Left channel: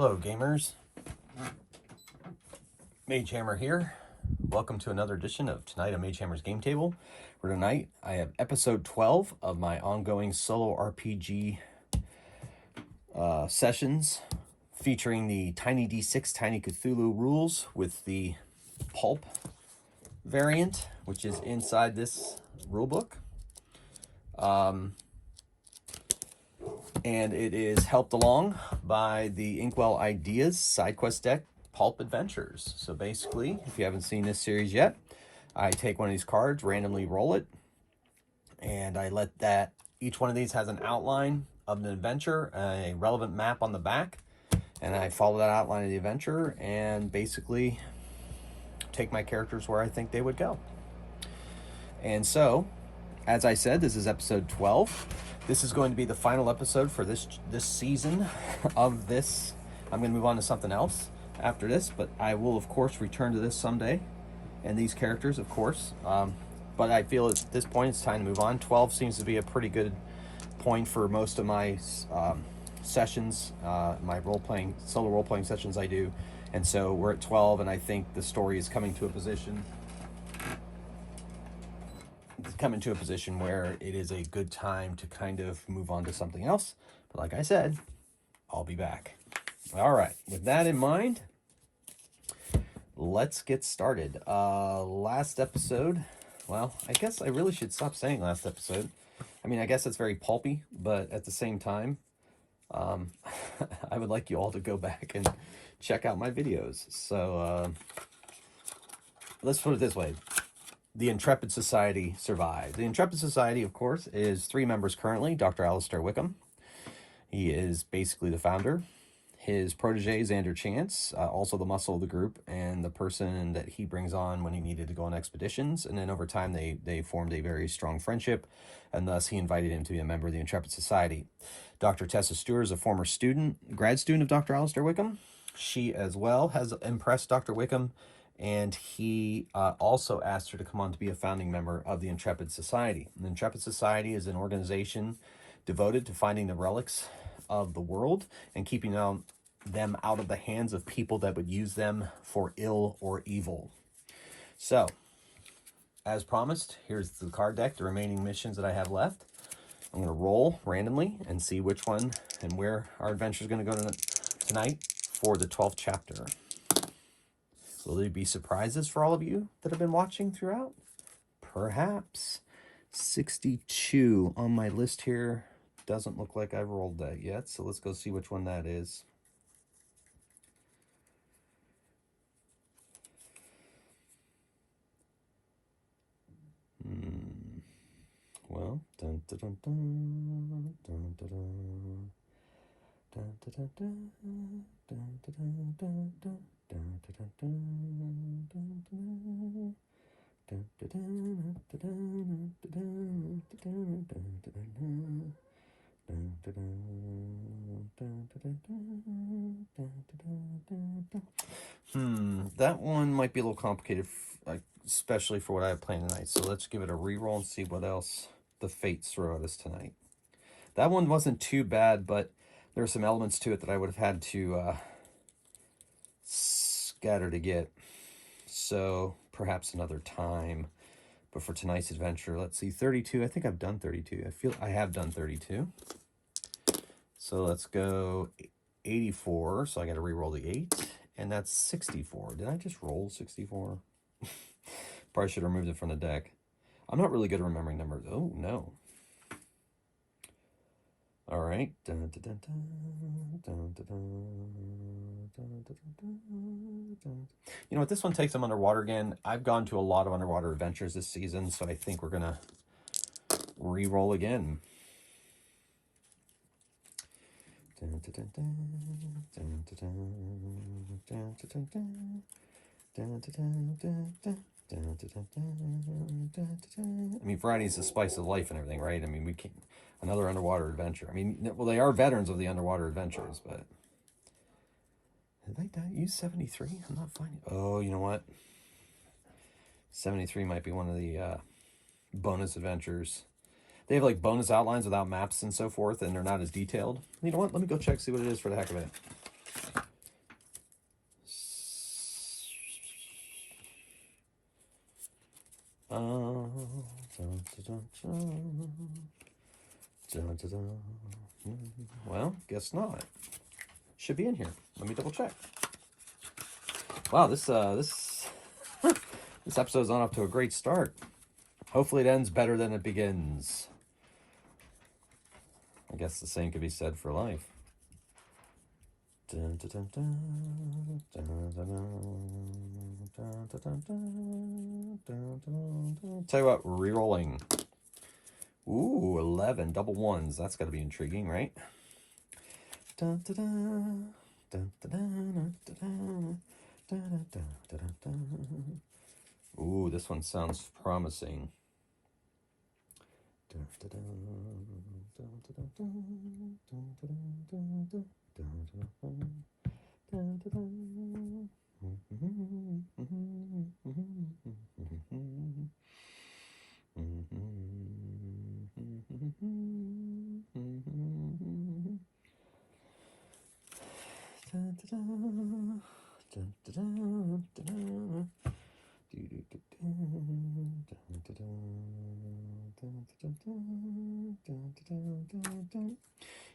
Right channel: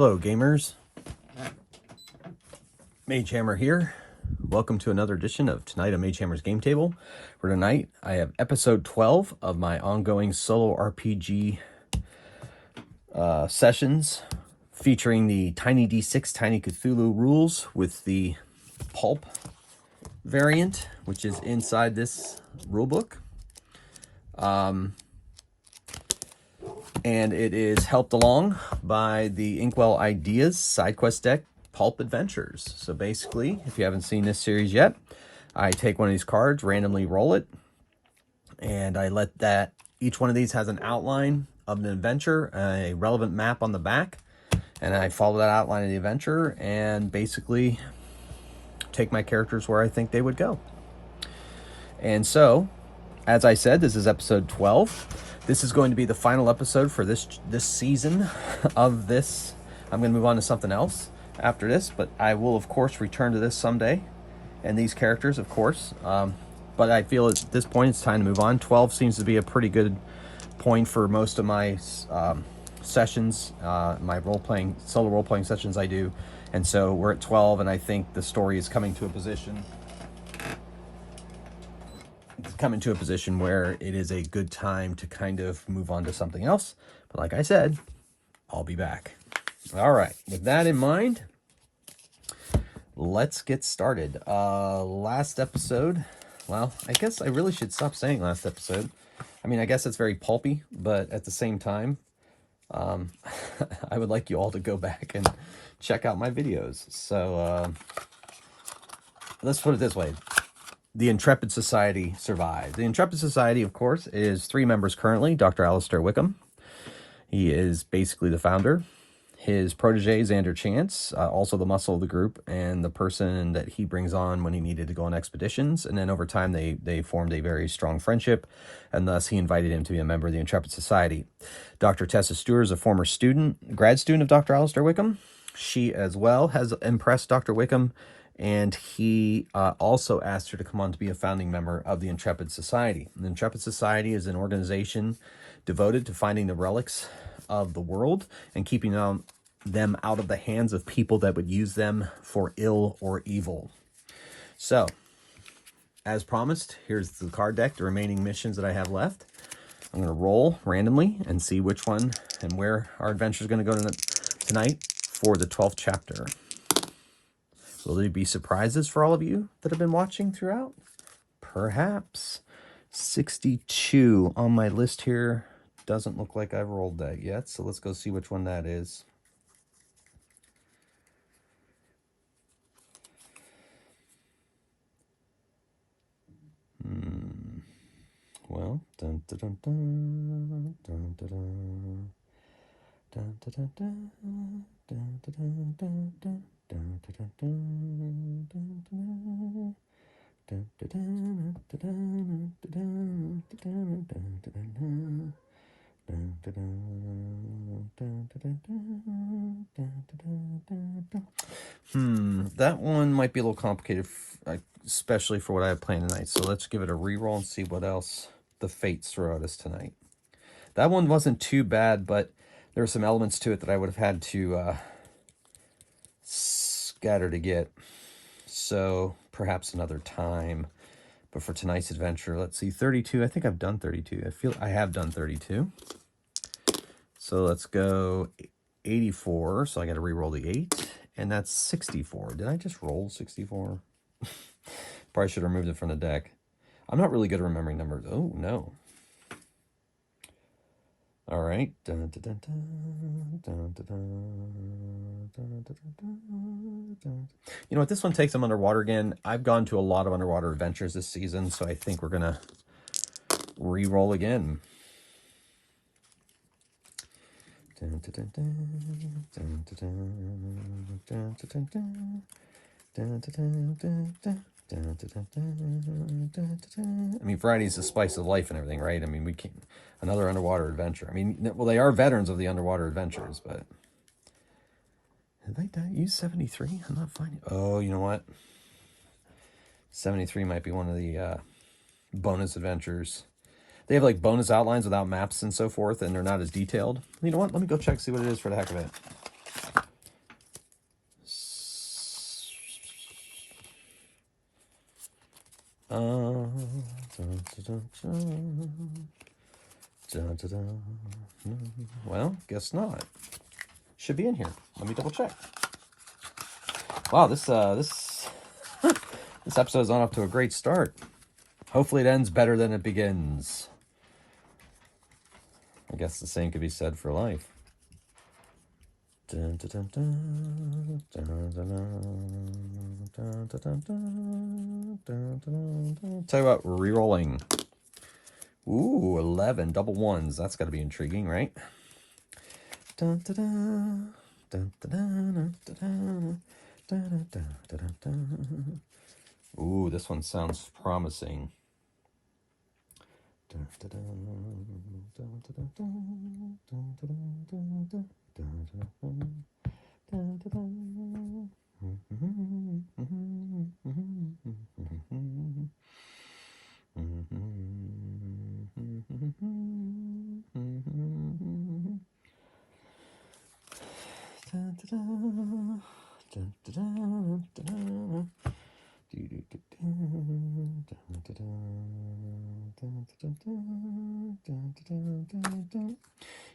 Hello gamers, Magehammer here. Welcome to another edition of Tonight on Magehammer's Game Table. For tonight, I have episode 12 of my ongoing solo RPG sessions featuring the Tiny D6 Tiny Cthulhu rules with the Pulp variant, which is inside this rulebook. And it is helped along by the Inkwell Ideas side quest deck, Pulp Adventures. So basically, if you haven't seen this series yet, I take one of these cards, randomly roll it, and I let that, each one of these has an outline of the adventure, a relevant map on the back, and I follow that outline of the adventure and basically take my characters where I think they would go. And so, as I said, this is episode 12. This is going to be the final episode for this season of this. I'm going to move on to something else after this, but I will, of course, return to this someday, and these characters, of course. But I feel at this point it's time to move on. 12 seems to be a pretty good point for most of my sessions, my solo role-playing sessions I do. And so we're at 12, and I think the story is coming to a position where it is a good time to kind of move on to something else. But like I said, I'll be back. All right, with that in mind, let's get started. Last episode, well, I guess I really should stop saying last episode. I mean, I guess it's very pulpy, but at the same time, I would like you all to go back and check out my videos. So let's put it this way. The Intrepid Society survived. The Intrepid Society, of course, is 3 members currently. Dr. Alistair Wickham. He is basically the founder. His protege, Xander Chance, also the muscle of the group, and the person that he brings on when he needed to go on expeditions. And then over time, they formed a very strong friendship, and thus he invited him to be a member of the Intrepid Society. Dr. Tessa Stewart is a former grad student of Dr. Alistair Wickham. She, as well, has impressed Dr. Wickham, and he also asked her to come on to be a founding member of the Intrepid Society. The Intrepid Society is an organization devoted to finding the relics of the world and keeping them out of the hands of people that would use them for ill or evil. So, as promised, here's the card deck, the remaining missions that I have left. I'm going to roll randomly and see which one and where our adventure is going to go tonight for the 12th chapter. Will there be surprises for all of you that have been watching throughout? Perhaps. 62 on my list here. Doesn't look like I've rolled that yet, so let's go see which one that is. Well, dun dun dun dun dun dun dun. Dun, dun, dun, dun, dun, dun, dun, dun, dun. That one might be a little complicated, especially for what I have planned tonight. So let's give it a reroll and see what else the fates throw at us tonight. That one wasn't too bad, but there were some elements to it that I would have had to scatter to get. So perhaps another time. But for tonight's adventure, let's see, 32. I think I've done 32. I feel I have done 32. So let's go 84. So I got to re-roll the 8. And that's 64. Did I just roll 64? Probably should have removed it from the deck. I'm not really good at remembering numbers. Oh, no. All right. Dun, dun, dun, dun, dun, dun, dun, dun, dun, dun, dun. You know what? This one takes them underwater again. I've gone to a lot of underwater adventures this season, so I think we're going to re-roll again. Dun, dun, dun, dun, dun, dun, dun, dun, dun, dun. Dun, dun, dun, dun, dun. I mean, variety is the spice of life and everything, right? I mean, we can't. Another underwater adventure. I mean, well, they are veterans of the underwater adventures, but did I use 73? I'm not finding. Oh, you know what? 73 might be one of the bonus adventures. They have like bonus outlines without maps and so forth, and they're not as detailed. You know what? Let me go check, see what it is for the heck of it. Well, guess not. Should be in here. Let me double check. Wow, this episode's on off to a great start. Hopefully it ends better than it begins. I guess the same could be said for life. Tell you what, re-rolling. Ooh, 11, double ones. That's got to be intriguing, right? Ooh, this one sounds promising.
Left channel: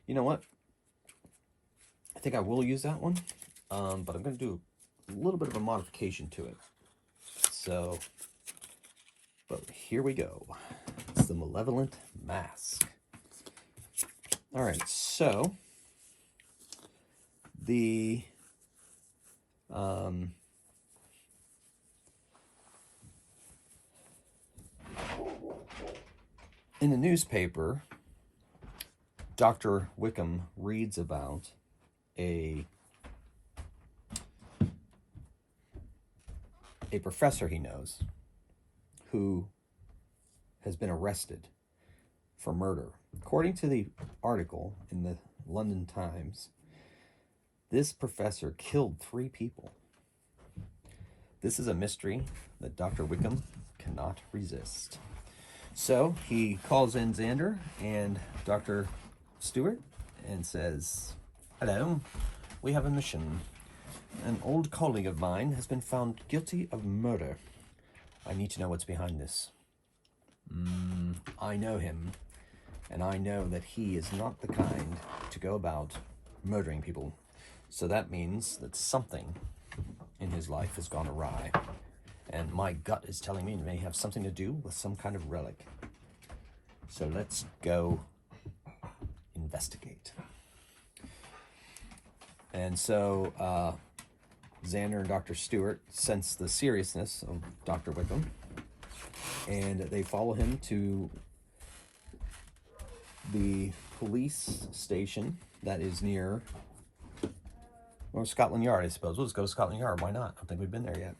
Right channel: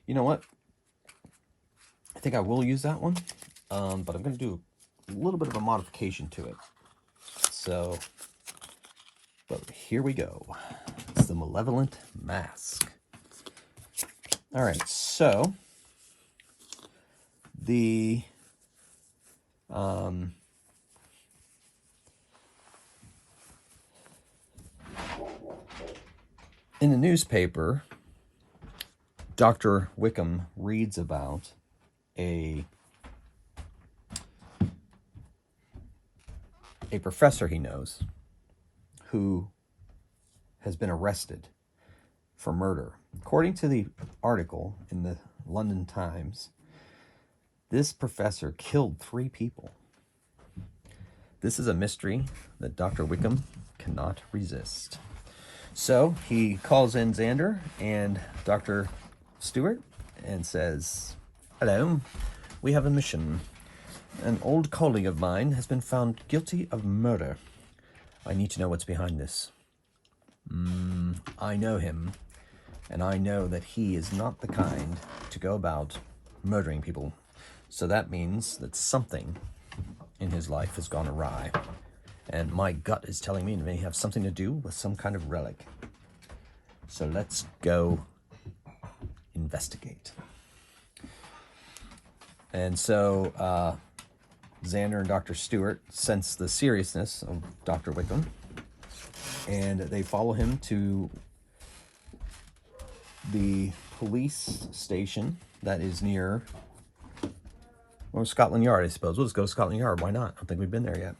You know what? I think I will use that one, but I'm going to do a little bit of a modification to it. So, but here we go. It's the Malevolent Mask. All right, so the in the newspaper, Dr. Wickham reads about a professor he knows who has been arrested for murder. According to the article in the London Times, this professor killed 3 people. This is a mystery that Dr. Wickham cannot resist. So he calls in Xander and Dr. Stewart and says, "Hello, we have a mission. An old colleague of mine has been found guilty of murder. I need to know what's behind this. I know him, and I know that he is not the kind to go about murdering people. So that means that something in his life has gone awry. And my gut is telling me it may have something to do with some kind of relic. So let's go investigate." And so Xander and Dr. Stewart sense the seriousness of Dr. Wickham, and they follow him to the police station that is near Scotland Yard, I suppose. We'll just go to Scotland Yard. Why not? I don't think we've been there yet.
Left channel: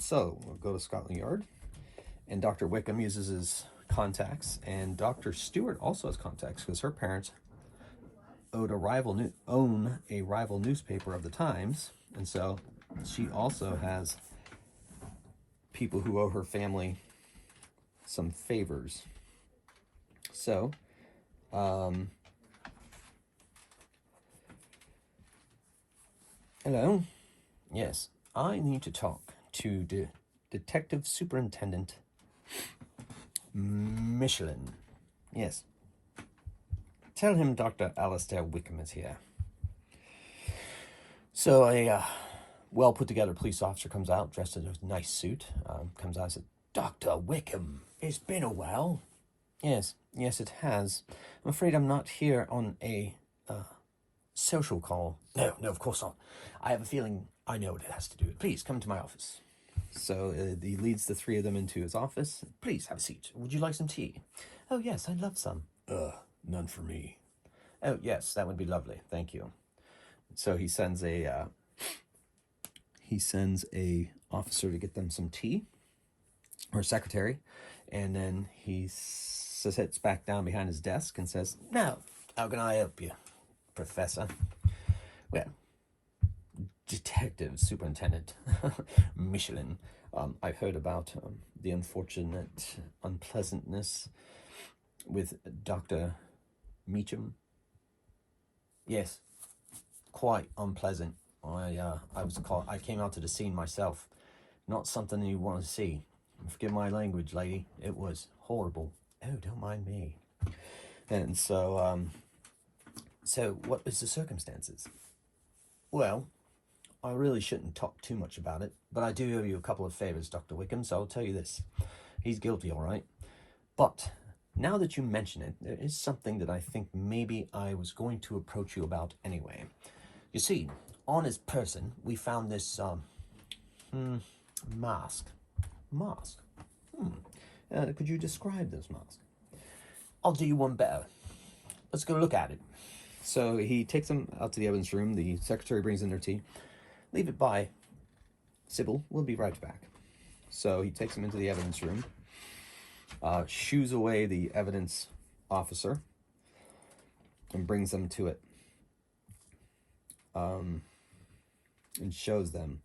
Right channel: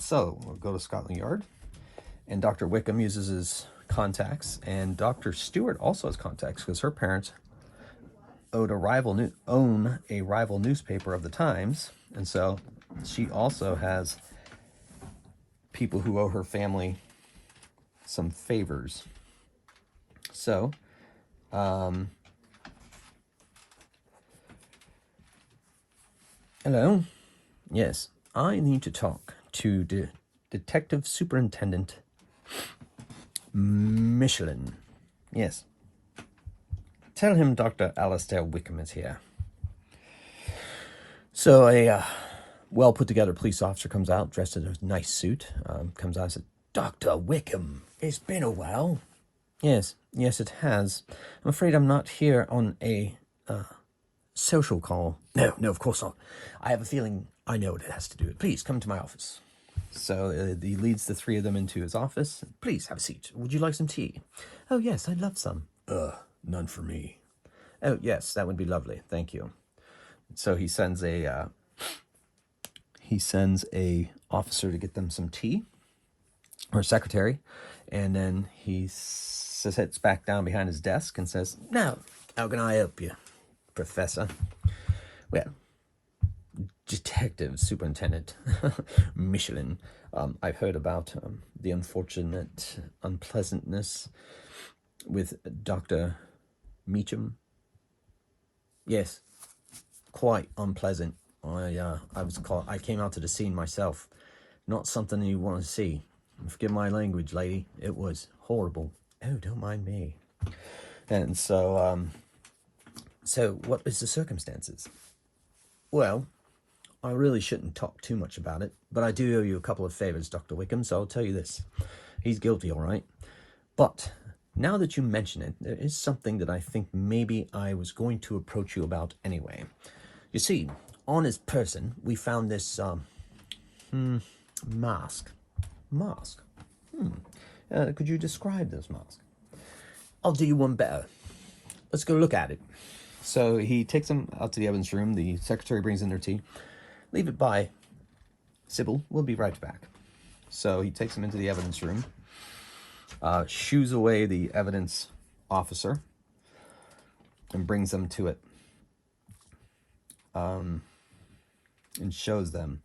So we'll go to Scotland Yard, and Dr. Wickham uses his contacts, and Dr. Stewart also has contacts because her parents own a rival newspaper of the Times, and so she also has people who owe her family some favors. So hello. Yes, I need to talk to Detective Superintendent Michelin. Yes. Tell him Dr. Alistair Wickham is here. So a well put together police officer comes out dressed in a nice suit. Comes out and says, "Dr. Wickham, it's been a while." Yes, it has. I'm afraid I'm not here on a social call. No, of course not. I have a feeling I know what it has to do with. Please come to my office. So he leads the 3 of them into his office. "Please have a seat. Would you like some tea?" "Oh yes, I'd love some." None for me." "Oh yes, that would be lovely. Thank you." So he sends a officer to get them some tea, or a secretary, and then he sits back down behind his desk and says, "Now, how can I help you, Professor?" "Well, Detective Superintendent Michelin, I've heard about the unfortunate unpleasantness with Dr. Meacham." "Yes, quite unpleasant. I came out to the scene myself. Not something you want to see. Forgive my language, lady. It was horrible. Oh, don't mind me. And so, so what was the circumstances? Well, I really shouldn't talk too much about it, but I do owe you a couple of favors, Dr. Wickham, so I'll tell you this. He's guilty, all right? But now that you mention it, there is something that I think maybe I was going to approach you about anyway. You see, on his person, we found this mask. Mask? Could you describe this mask? I'll do you one better. Let's go look at it. So he takes him out to the evidence room. The secretary brings in their tea. Leave it by. Sybil, we'll be right back. So he takes him into the evidence room, shoos away the evidence officer, and brings them to it, and shows them.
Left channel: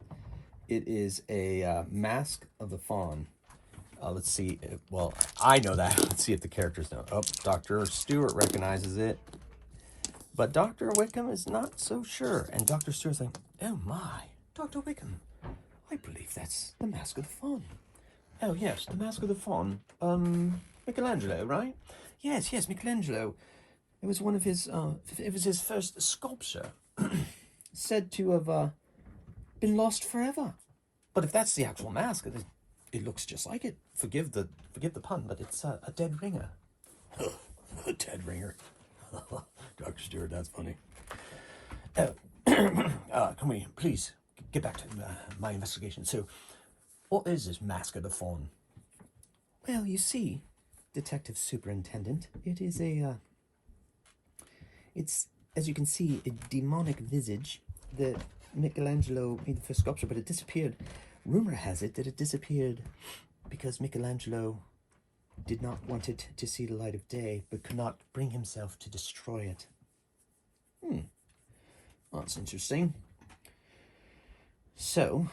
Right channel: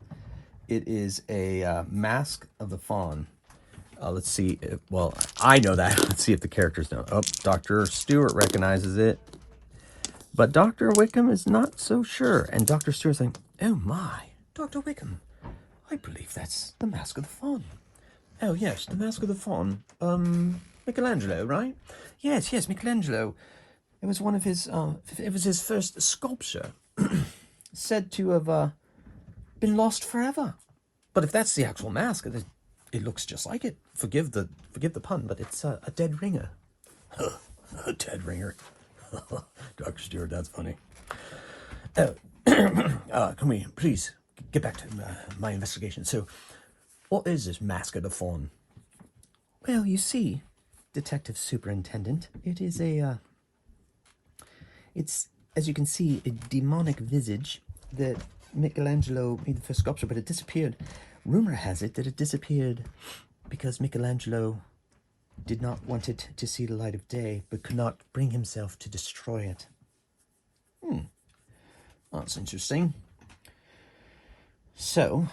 It is a mask of the fawn. Let's see. Well, I know that. Let's see if the characters know. Oh, Dr. Stewart recognizes it. But Dr. Wickham is not so sure. And Dr. Stewart's like, oh my, Dr. Wickham, I believe that's the Mask of the Faun. Oh yes, the Mask of the Faun. Michelangelo, right? Yes, Michelangelo. It was one of his, it was his first sculpture. Said to have been lost forever. But if that's the actual mask, it looks just like it. Forgive the pun, but it's a dead ringer. A dead ringer. Dr. Stewart, that's funny. Can we please get back to my investigation? So, what is this Mask of the Faun? Well, you see, Detective Superintendent, it is it's, as you can see, a demonic visage that Michelangelo made the first sculpture, but it disappeared. Rumor has it that it disappeared because Michelangelo did not want it to see the light of day, but could not bring himself to destroy it. That's interesting. So,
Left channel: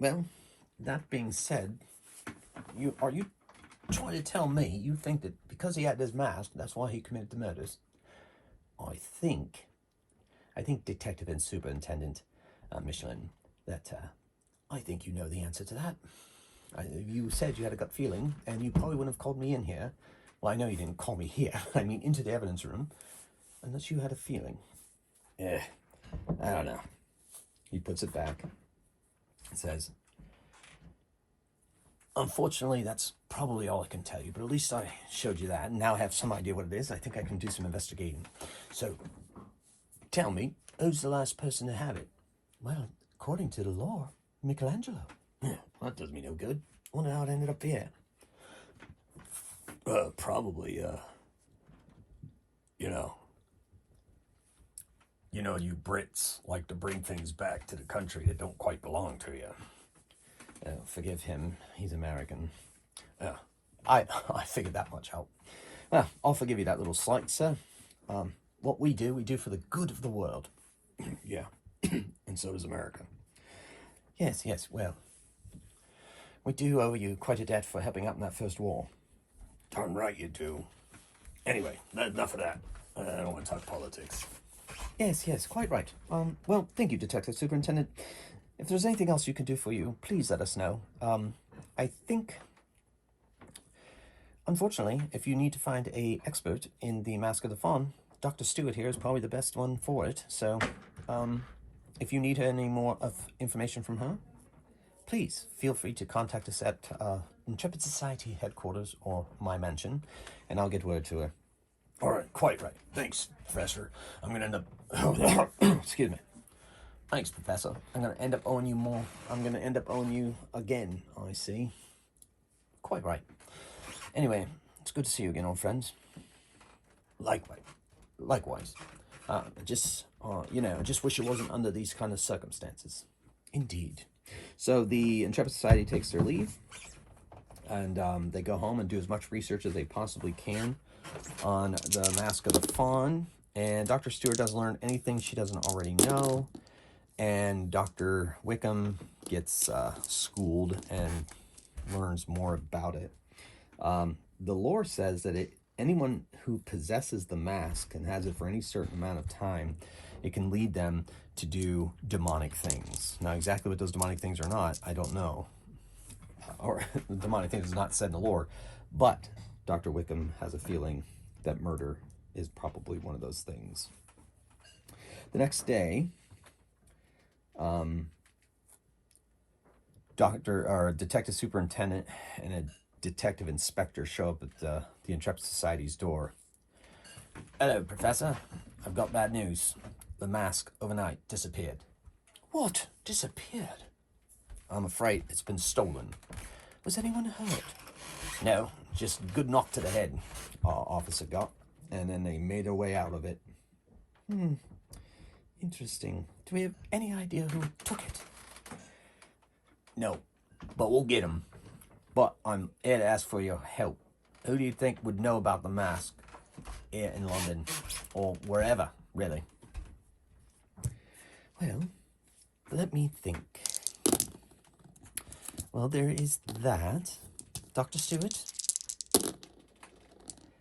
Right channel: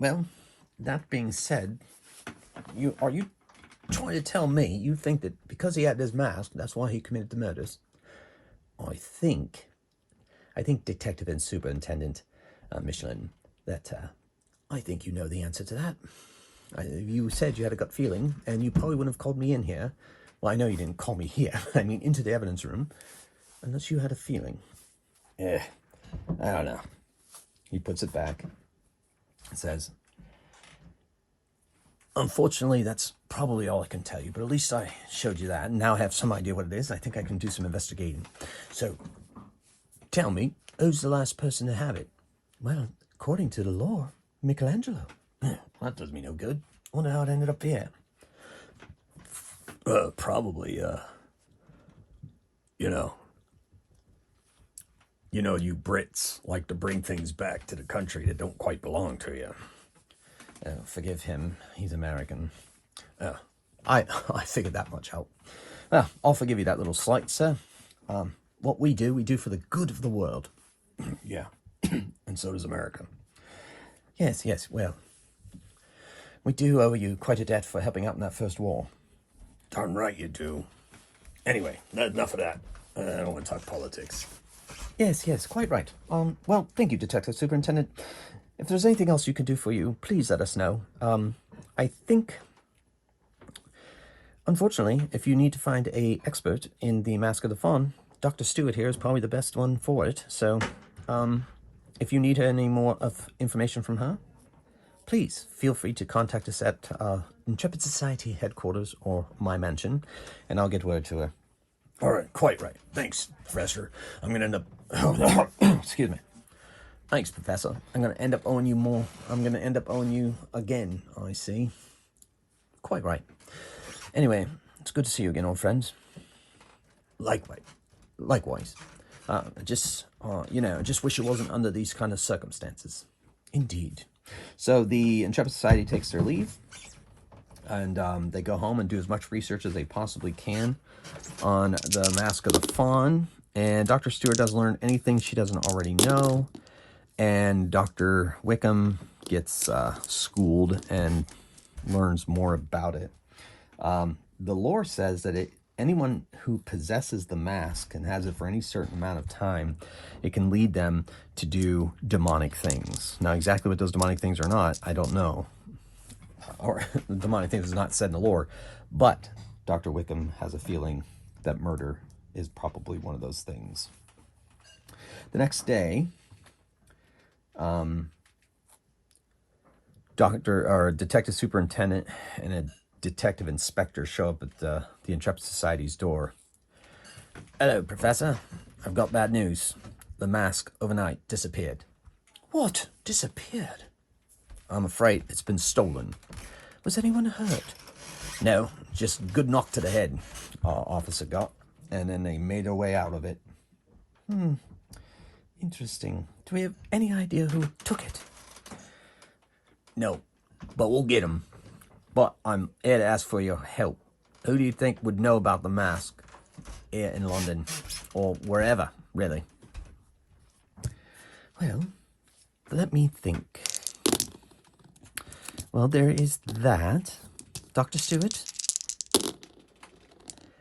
well, that being said, are you trying to tell me you think that because he had this mask, that's why he committed the murders? I think Detective and Superintendent Michelin, that I think you know the answer to that. You said you had a gut feeling, and you probably wouldn't have called me in here. Well, I know you didn't call me here. I mean, into the evidence room, unless you had a feeling. I don't know. He puts it back. Says, unfortunately, that's probably all I can tell you, but at least I showed you that, and now I have some idea what it is. I think I can do some investigating. So, tell me, who's the last person to have it? Well, according to the law, Michelangelo. That does me no good. Wonder how it ended up here. Probably, you Brits like to bring things back to the country that don't quite belong to you. Forgive him. He's American. I figured that much out. Well, I'll forgive you that little slight, sir. What we do for the good of the world. Yeah, and so does America. Yes, well, we do owe you quite a debt for helping out in that first war. Darn right you do. Anyway, enough of that. I don't want to talk politics. Yes, quite right. Well, thank you, Detective Superintendent. If there's anything else you can do for you, please let us know. I think, unfortunately, if you need to find an expert in the Mask of the Faun, Dr. Stewart here is probably the best one for it. So, if you need any more information from her, please feel free to contact us at Intrepid Society headquarters or my mansion, and I'll get word to her. All right, quite right. Thanks, Professor. I'm going to end up... Excuse me. Thanks, Professor. I'm going to end up owing you more. I'm going to end up owing you again, I see. Quite right. Anyway, it's good to see you again, old friends. Likewise. Just wish it wasn't under these kind of circumstances. Indeed. So the Intrepid Society takes their leave, and they go home and do as much research as they possibly can on the Mask of the Faun. And Dr. Stewart does learn anything she doesn't already know, and Dr. Wickham gets schooled and learns more about it. The lore says that anyone who possesses the mask and has it for any certain amount of time, it can lead them to do demonic things. Now, exactly what those demonic things are not, I don't know. or demonic things is not said in the lore, but Dr. Wickham has a feeling that murder is probably one of those things. The next day, Detective Superintendent and a detective inspector show up at the Intrepid Society's door. Hello, Professor. I've got bad news. The mask overnight disappeared. What? Disappeared? I'm afraid it's been stolen. Was anyone hurt? No, just a good knock to the head, our officer got, and then they made their way out of it. Interesting. Do we have any idea who took it? No, but we'll get him. But I'm here to ask for your help. Who do you think would know about the mask here in London, or wherever, really? Well, let me think. Well, there is that. Dr. Stewart?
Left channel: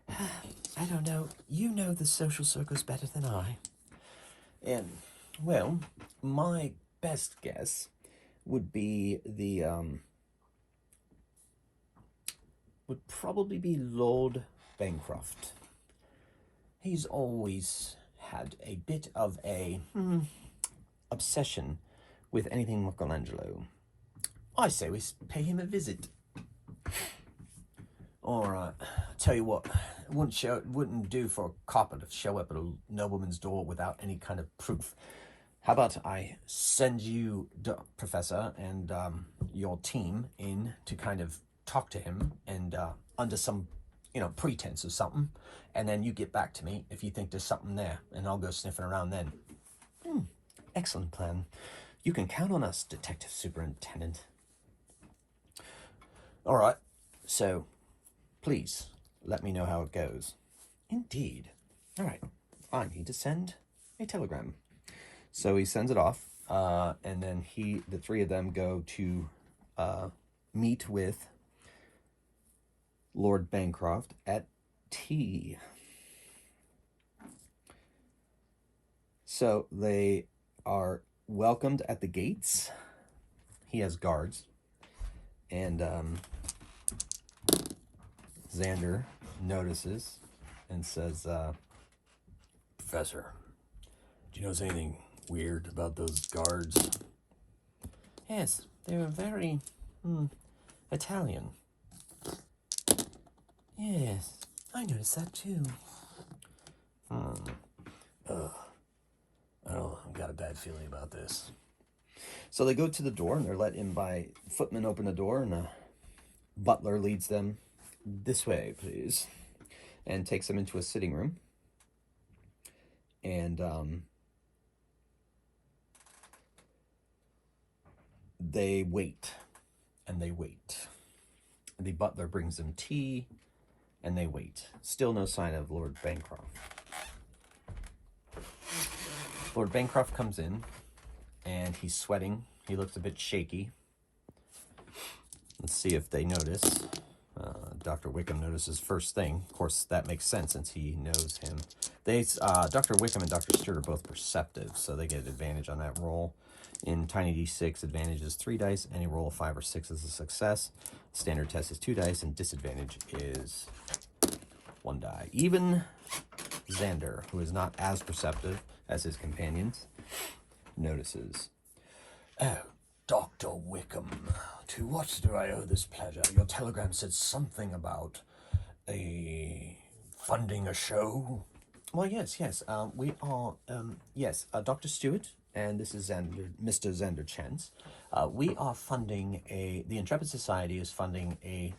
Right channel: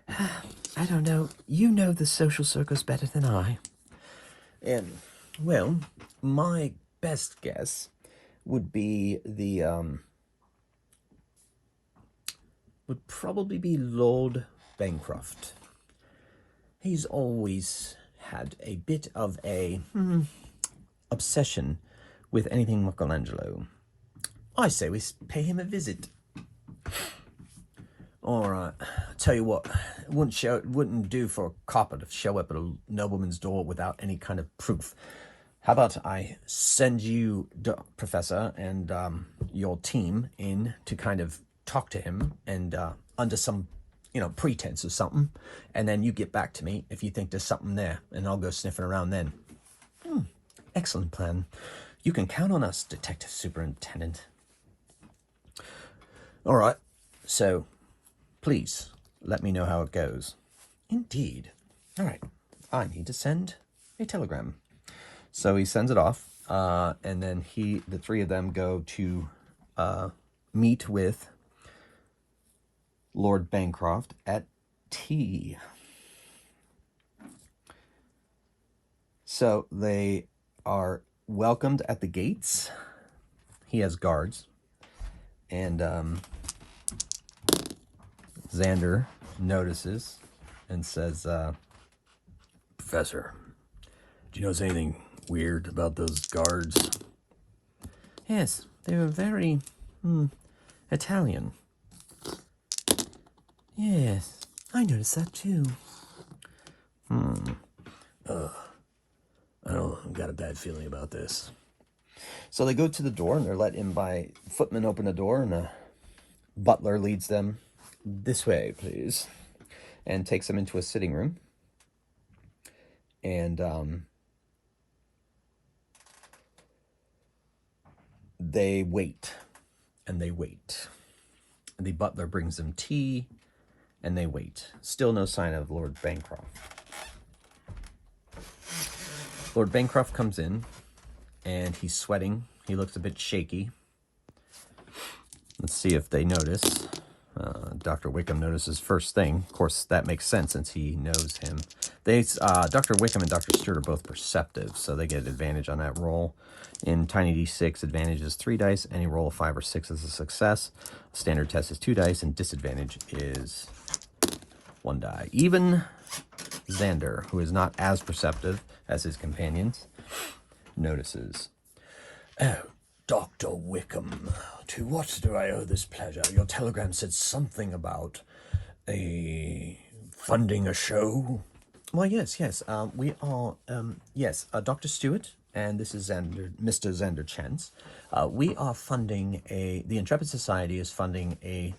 I don't know. You know the social circles better than I. And, well, my best guess would be would probably be Lord Bancroft. He's always had a bit of a obsession with anything Michelangelo. I say we pay him a visit. All right, tell you what, it wouldn't do for a copper to show up at a nobleman's door without any kind of proof. How about I send you, Professor, and your team in to kind of talk to him, and under some, pretense or something, and then you get back to me if you think there's something there, and I'll go sniffing around then. Excellent plan. You can count on us, Detective Superintendent. All right, so please let me know how it goes. Indeed. All right, I need to send a telegram. So he sends it off, and then the three of them go to meet with Lord Bancroft at tea. So they are welcomed at the gates. He has guards, and Xander notices and says, Professor, do you notice anything weird about those guards? Yes, they were very Italian. Yes, I noticed that too. I've got a bad feeling about this. So they go to the door, and they're let in by footmen. Open the door, and a butler leads them this way, please, and takes them into a sitting room. And they wait, and they wait. And the butler brings them tea, and they wait. Still no sign of Lord Bancroft. Lord Bancroft comes in, and he's sweating. He looks a bit shaky. Let's see if they notice. Dr. Wickham notices first thing. Of course, that makes sense since he knows him. Dr. Wickham and Dr. Stewart are both perceptive, so they get advantage on that roll. In Tiny D6, advantage is 3 dice. Any roll of 5 or 6 is a success. Standard test is 2 dice, and disadvantage is 1 die. Even Xander, who is not as perceptive as his companions, notices. Oh, Dr. Wickham, to what do I owe this pleasure? Your telegram said something about funding a show. Why, yes. We are, Dr. Stewart, and this is Mr. Xander Chance. We are funding the Intrepid Society is funding a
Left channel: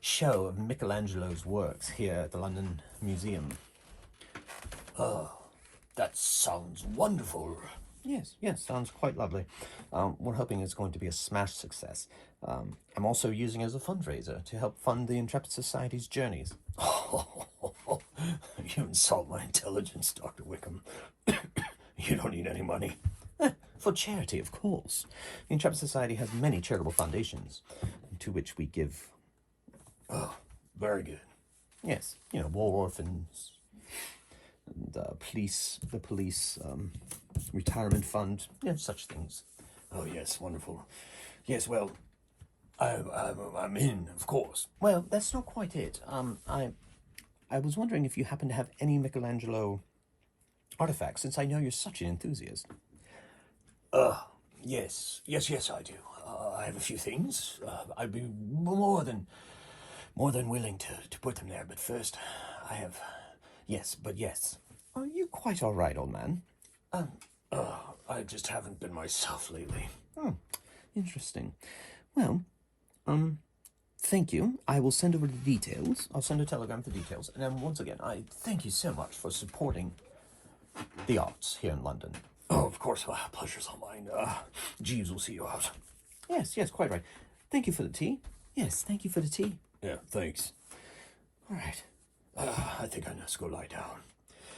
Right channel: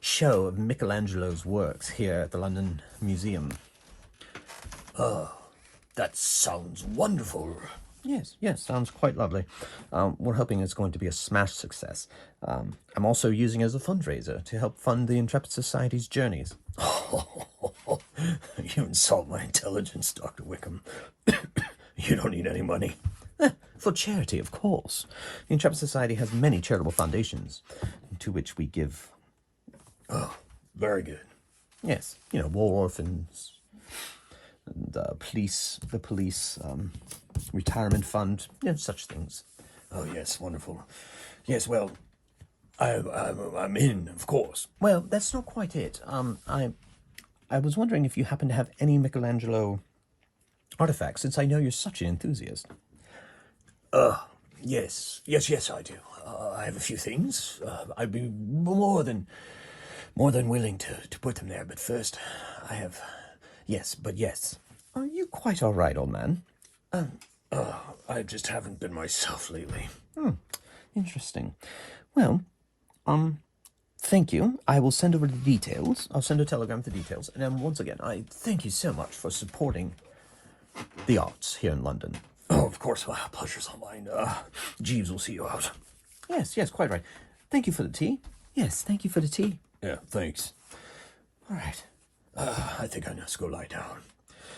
show of Michelangelo's works here at the London Museum. Oh, that sounds wonderful. Yes, sounds quite lovely. We're hoping it's going to be a smash success. I'm also using it as a fundraiser to help fund the Intrepid Society's journeys. You insult my intelligence, Dr. Wickham. You don't need any money. For charity, of course. The Intrepid Society has many charitable foundations to which we give. Oh, very good. Yes, war orphans, and the police retirement fund, such things. Oh, yes, wonderful. Yes, well, I'm in, of course. Well, that's not quite it. I was wondering if you happen to have any Michelangelo artifacts, since I know you're such an enthusiast. Yes, I do. I have a few things. I'd be more than willing to put them there, but first, I have. Yes, but yes. Are you quite all right, old man? I just haven't been myself lately. Interesting. Well, thank you. I will send over the details. I'll send a telegram with the details. And then once again, I thank you so much for supporting the arts here in London. Oh, of course. Pleasure's all mine. Jeeves will see you out. Yes, quite right. Thank you for the tea. Yes, thank you for the tea. Yeah, thanks. All right. I think I just go lie down.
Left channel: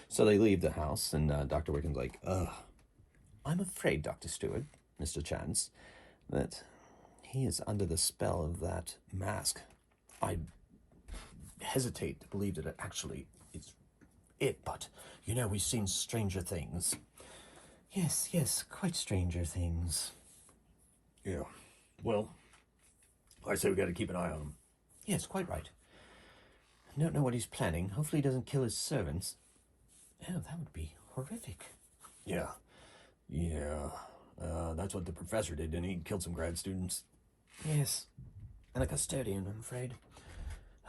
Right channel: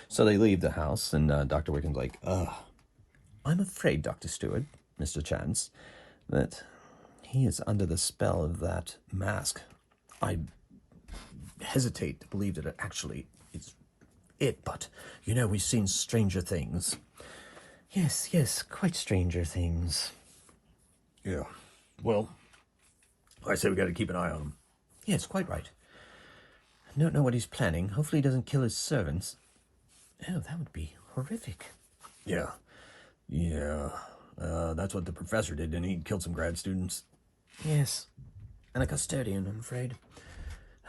So they leave the house, and Dr. Wickham's like, I'm afraid, Dr. Stewart, Mr. Chance, that he is under the spell of that mask. I hesitate to believe that it actually is it, but, we've seen stranger things. Yes, quite stranger things. Yeah. Well, I say we gotta keep an eye on him. Yes, quite right. I don't know what he's planning. Hopefully he doesn't kill his servants. Oh, that would be horrific. Yeah. That's what the professor did, didn't he? He killed some grad students. Yes, and a custodian, I'm afraid.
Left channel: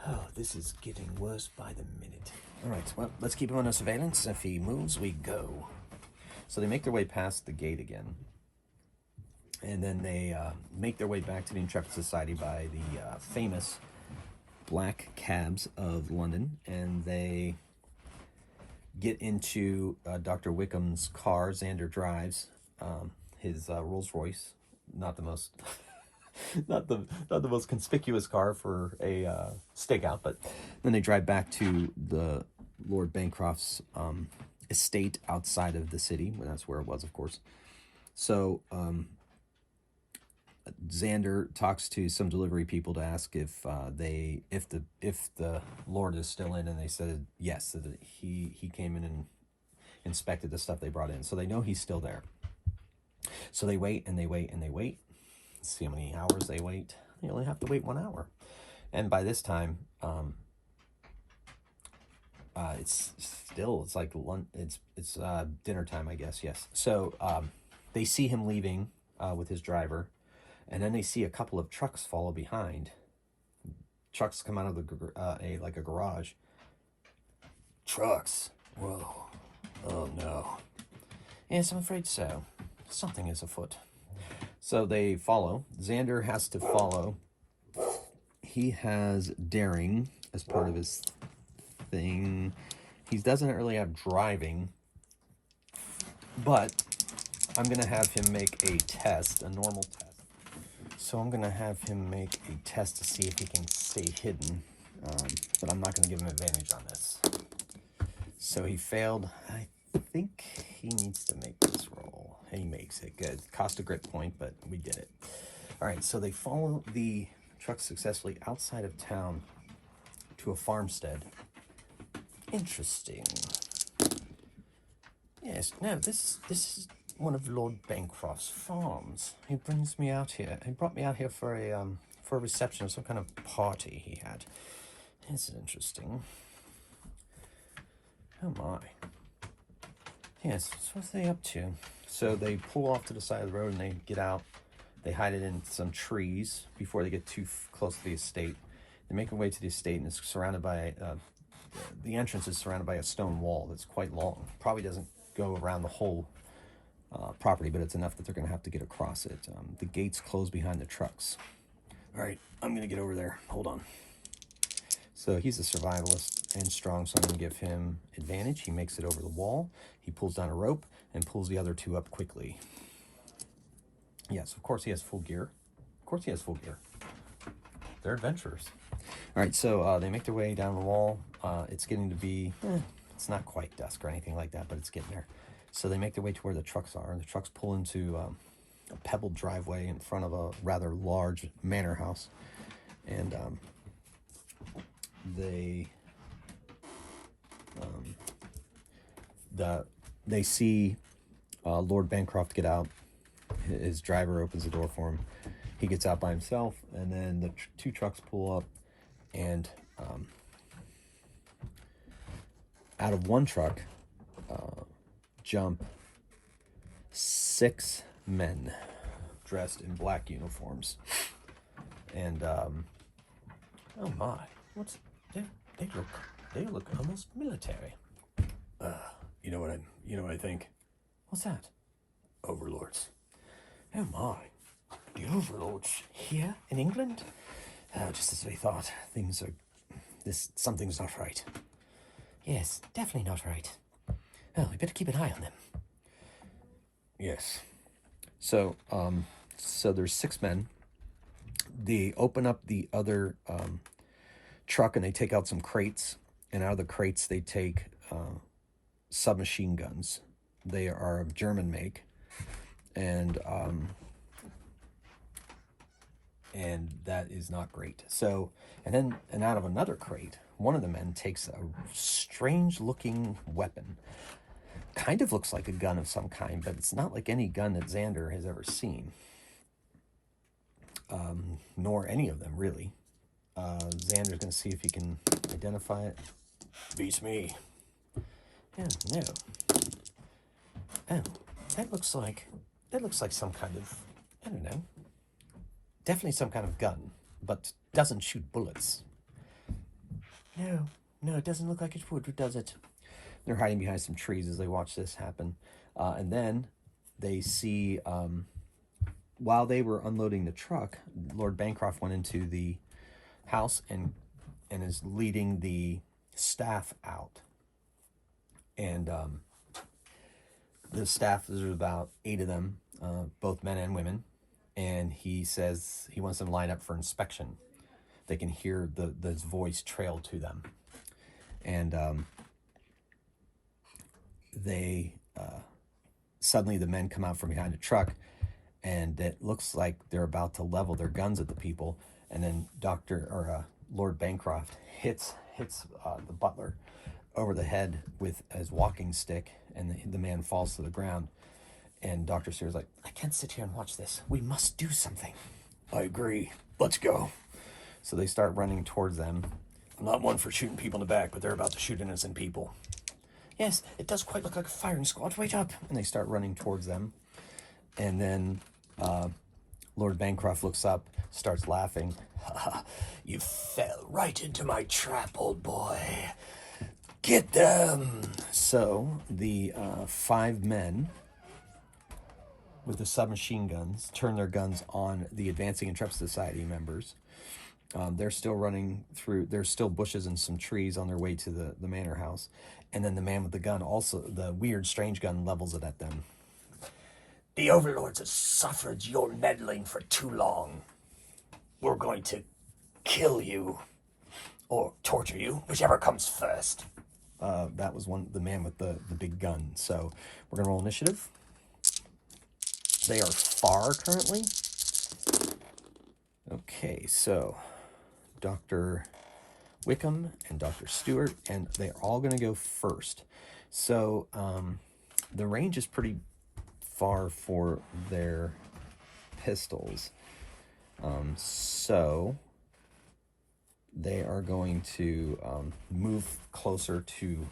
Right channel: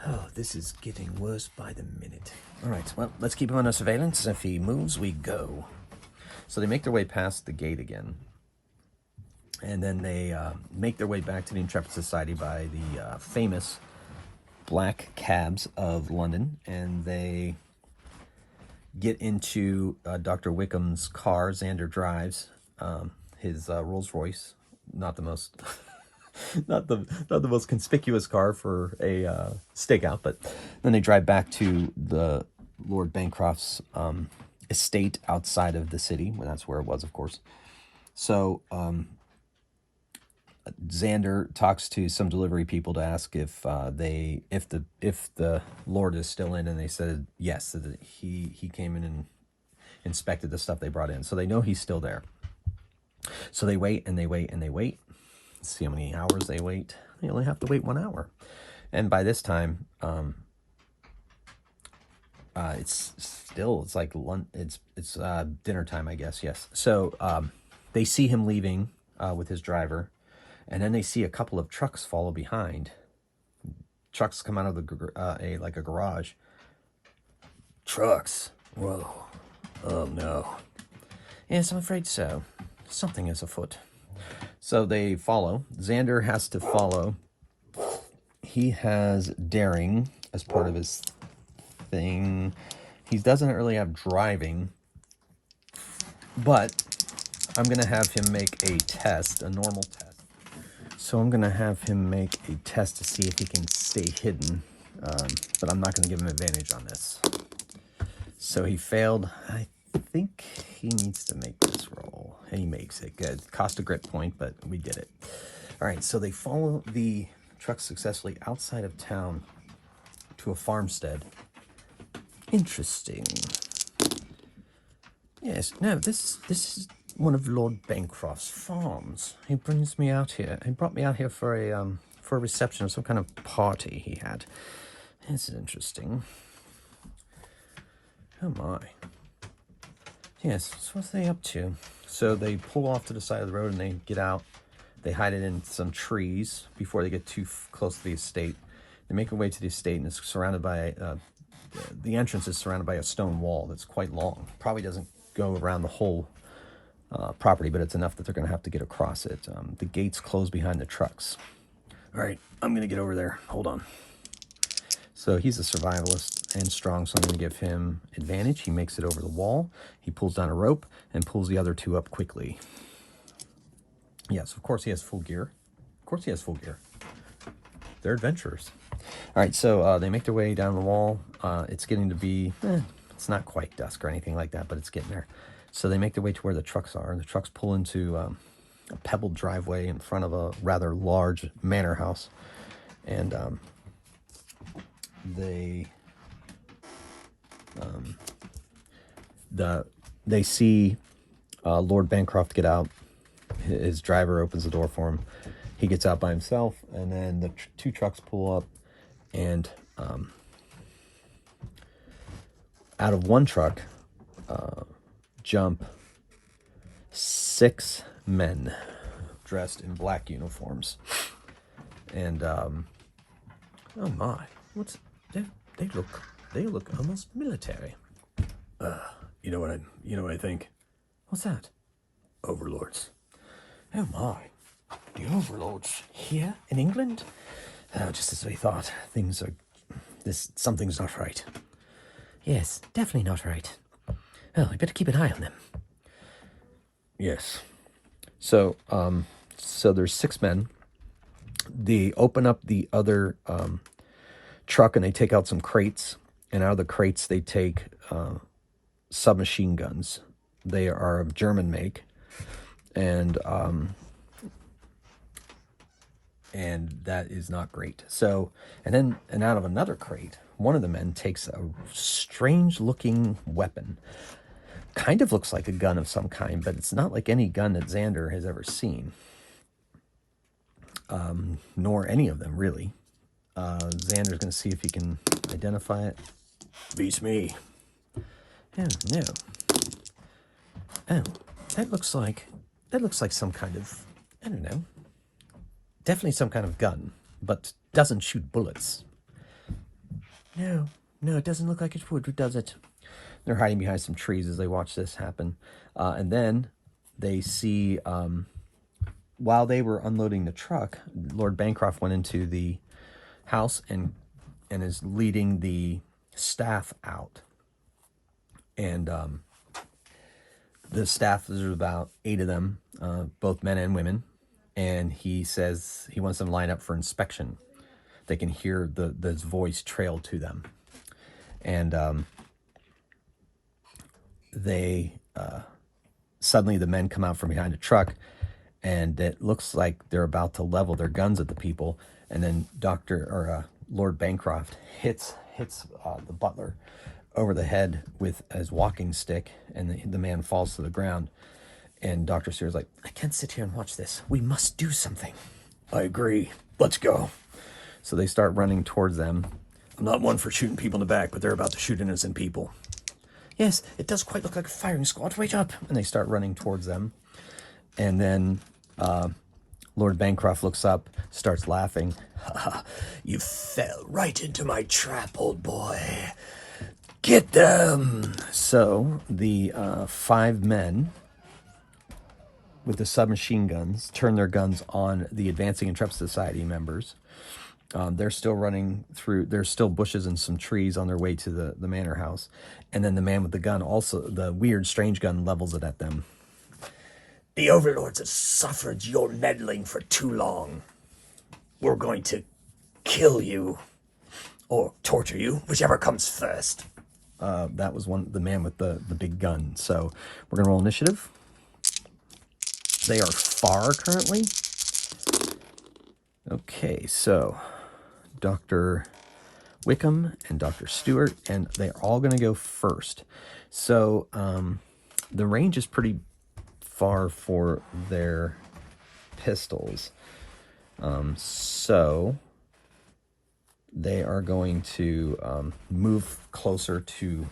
Oh, this is getting worse by the minute. All right, well, let's keep him under surveillance. If he moves, we go. So they make their way past the gate again. And then they make their way back to the Intrepid Society by the famous black cabs of London. And they get into Dr. Wickham's car. Xander drives his Rolls Royce. Not the most... not the most conspicuous car for a stakeout, but then they drive back to the Lord Bancroft's estate outside of the city. Well, that's where it was, of course. So Xander talks to some delivery people to ask if the Lord is still in, and they said yes, that he came in and inspected the stuff they brought in, so they know he's still there. So they wait and they wait and they wait. Let's see how many hours they wait. They only have to wait 1 hour, and by this time, it's like it's dinner time, I guess. Yes. So they see him leaving with his driver, and then they see a couple of trucks follow behind. Trucks come out of a garage. Trucks? Whoa. Oh no. Yes, I'm afraid so. Something is afoot. So they follow. Xander has to follow. He has daring as part of his thing. He doesn't really have driving, but I'm going to have him make a test, a normal test. So I'm going to have him make a test to see if he can stay hidden, but I'm not going to give him advantage on this. So he failed. I think he needs to make this roll. He makes it. Good. Cost a grit point, but we did it. All right, so they follow the truck successfully outside of town to a farmstead. Interesting. Yes, no, this is one of Lord Bancroft's farms. He brings me out here. He brought me out here for a reception or some kind of party he had. This is interesting. Oh my. Yes, so what's they up to? So they pull off to the side of the road and they get out. They hide it in some trees before they get too close to the estate. They make their way to the estate, and it's surrounded by the entrance is surrounded by a stone wall that's quite long. Probably doesn't go around the whole property, but it's enough that they're going to have to get across it. The gates close behind the trucks. All right, I'm going to get over there. Hold on. So he's a survivalist and strong, so I'm going to give him advantage. He makes it over the wall. He pulls down a rope and pulls the other two up quickly. Yes, of course he has full gear. Of course he has full gear. They're adventurers. All right, so they make their way down the wall. It's getting to be, it's not quite dusk or anything like that, but it's getting there. So they make their way to where the trucks are. The trucks pull into a pebbled driveway in front of a rather large manor house. And they see Lord Bancroft get out. His driver opens the door for him, he gets out by himself, and then the two trucks pull up, and out of one truck jump 6 men dressed in black uniforms. And oh my, what's they look almost military. You know what I think? What's that? Overlords. Oh my, the overlords here in England? Oh, just as we thought. Something's not right. Yes, definitely not right. Well, we better keep an eye on them. Yes. So there's 6 men. They open up the other truck and they take out some crates. And out of the crates, they take submachine guns. They are of German make. And that is not great. So, and out of another crate, one of the men takes a strange looking weapon. Kind of looks like a gun of some kind, but it's not like any gun that Xander has ever seen. Nor any of them, really. Xander's going to see if he can identify it. Beats me. Oh, no. Oh, that looks like some kind of, I don't know. Definitely some kind of gun, but doesn't shoot bullets. No, it doesn't look like it would, does it? They're hiding behind some trees as they watch this happen. And then they see, while they were unloading the truck, Lord Bancroft went into the house and is leading the staff out. And the staff, there's about 8 of them, both men and women. And he says he wants them to line up for inspection. They can hear his voice trail to them. And suddenly the men come out from behind the truck, and it looks like they're about to level their guns at the people. And then Lord Bancroft hits the butler over the head with his walking stick, and the man falls to the ground. And Dr. Stewart's like, I can't sit here and watch this. We must do something. I agree. Let's go. So they start running towards them. I'm not one for shooting people in the back, but they're about to shoot innocent people. Yes, it does quite look like a firing squad. Wait up. And they start running towards them. And then Lord Bancroft looks up, starts laughing. You fell right into my trap, old boy. Get them! So the 5 men with the submachine guns turn their guns on the advancing Intrepid Society members. They're still running through, there's still bushes and some trees on their way to the manor house. And then the man with the gun, also the weird, strange gun, levels it at them. The overlords have suffered your meddling for too long. We're going to kill you. Or torture you, whichever comes first. That was the man with the big gun. So we're going to roll initiative. They are far currently. Okay, so Dr. Wickham and Dr. Stewart, and they're all going to go first. So the range is pretty far for their pistols. So they are going to move closer to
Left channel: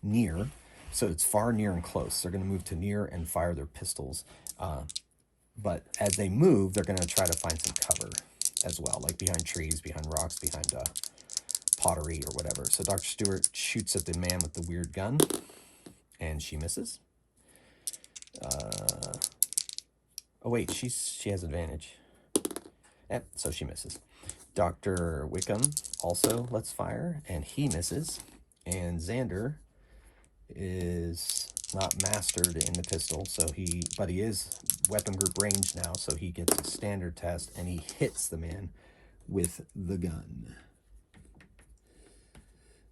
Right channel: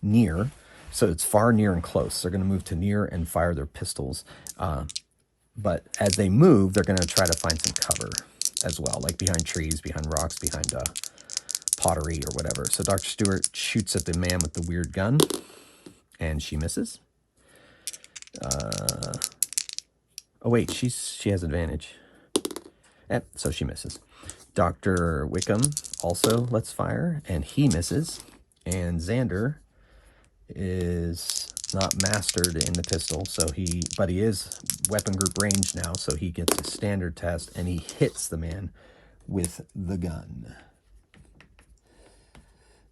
near. So it's far, near, and close. They're going to move to near and fire their pistols. But as they move, they're going to try to find some cover as well, like behind trees, behind rocks, behind pottery or whatever. So Dr. Stewart shoots at the man with the weird gun, and she misses. Oh wait, she has advantage. So she misses. Dr. Wickham also lets fire, and he misses. And Xander is not mastered in the pistol, but he is weapon group range now, so he gets a standard test, and he hits the man with the gun.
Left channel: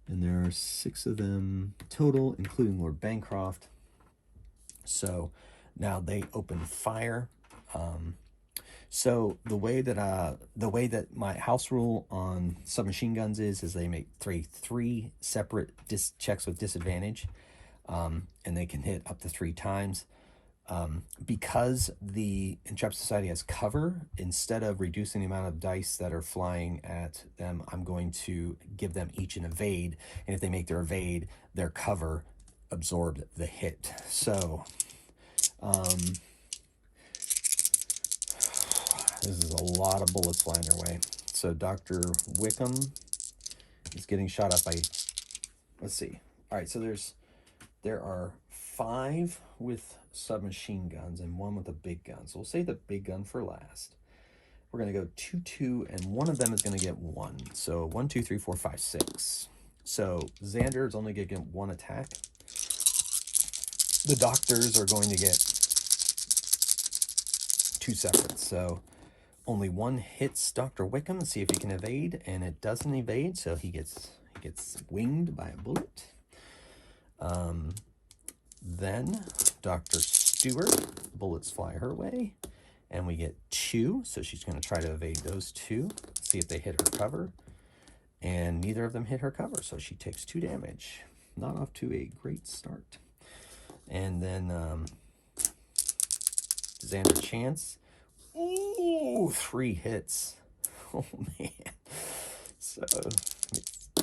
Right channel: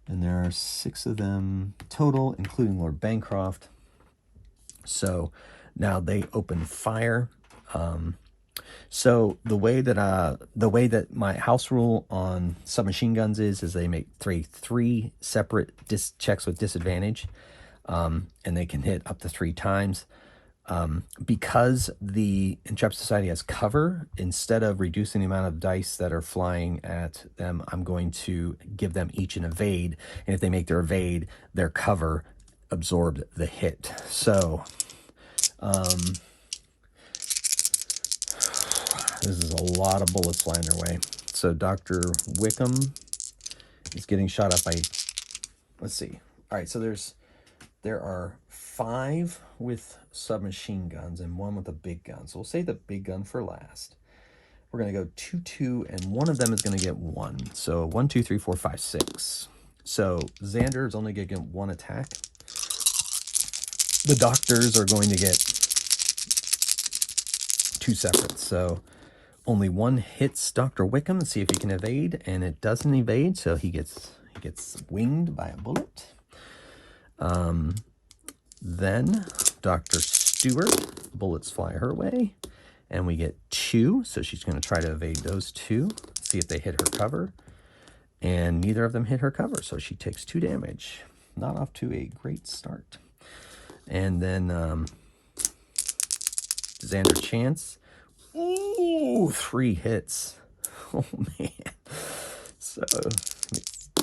And there are 6 of them total, including Lord Bancroft. So now they open fire. So the way that my house rule on submachine guns is they make three separate checks with disadvantage, and they can hit up to 3 times. Because the Intrepid Society has cover, instead of reducing the amount of dice that are flying at them, I'm going to give them each an evade. And if they make their evade, their cover absorbed the hit. So, this is a lot of bullets flying their way. So Dr. Wickham is getting shot up by, let's see. All right, so there are 5 with submachine guns and 1 with a big gun. So we'll save the big gun for last. We're going to go 2, 2, and one of them is going to get 1. So 1, 2, 3, 4, 5, 6. So Xander is only going to get 1 attack. The doctors are going to get 2 separate. So only 1 hits Dr. Wickham. Let's see if he can evade, and it doesn't evade, so he gets winged by a bullet. Then Dr. Stewart, bullets fly her way, and we get 2, so she's going to try to evade those 2, see if they hit her cover, and neither of them hit her cover, so she takes 2 damage. Not off to a great start. And then Xander Chance, ooh, 3 hits. Oh man. So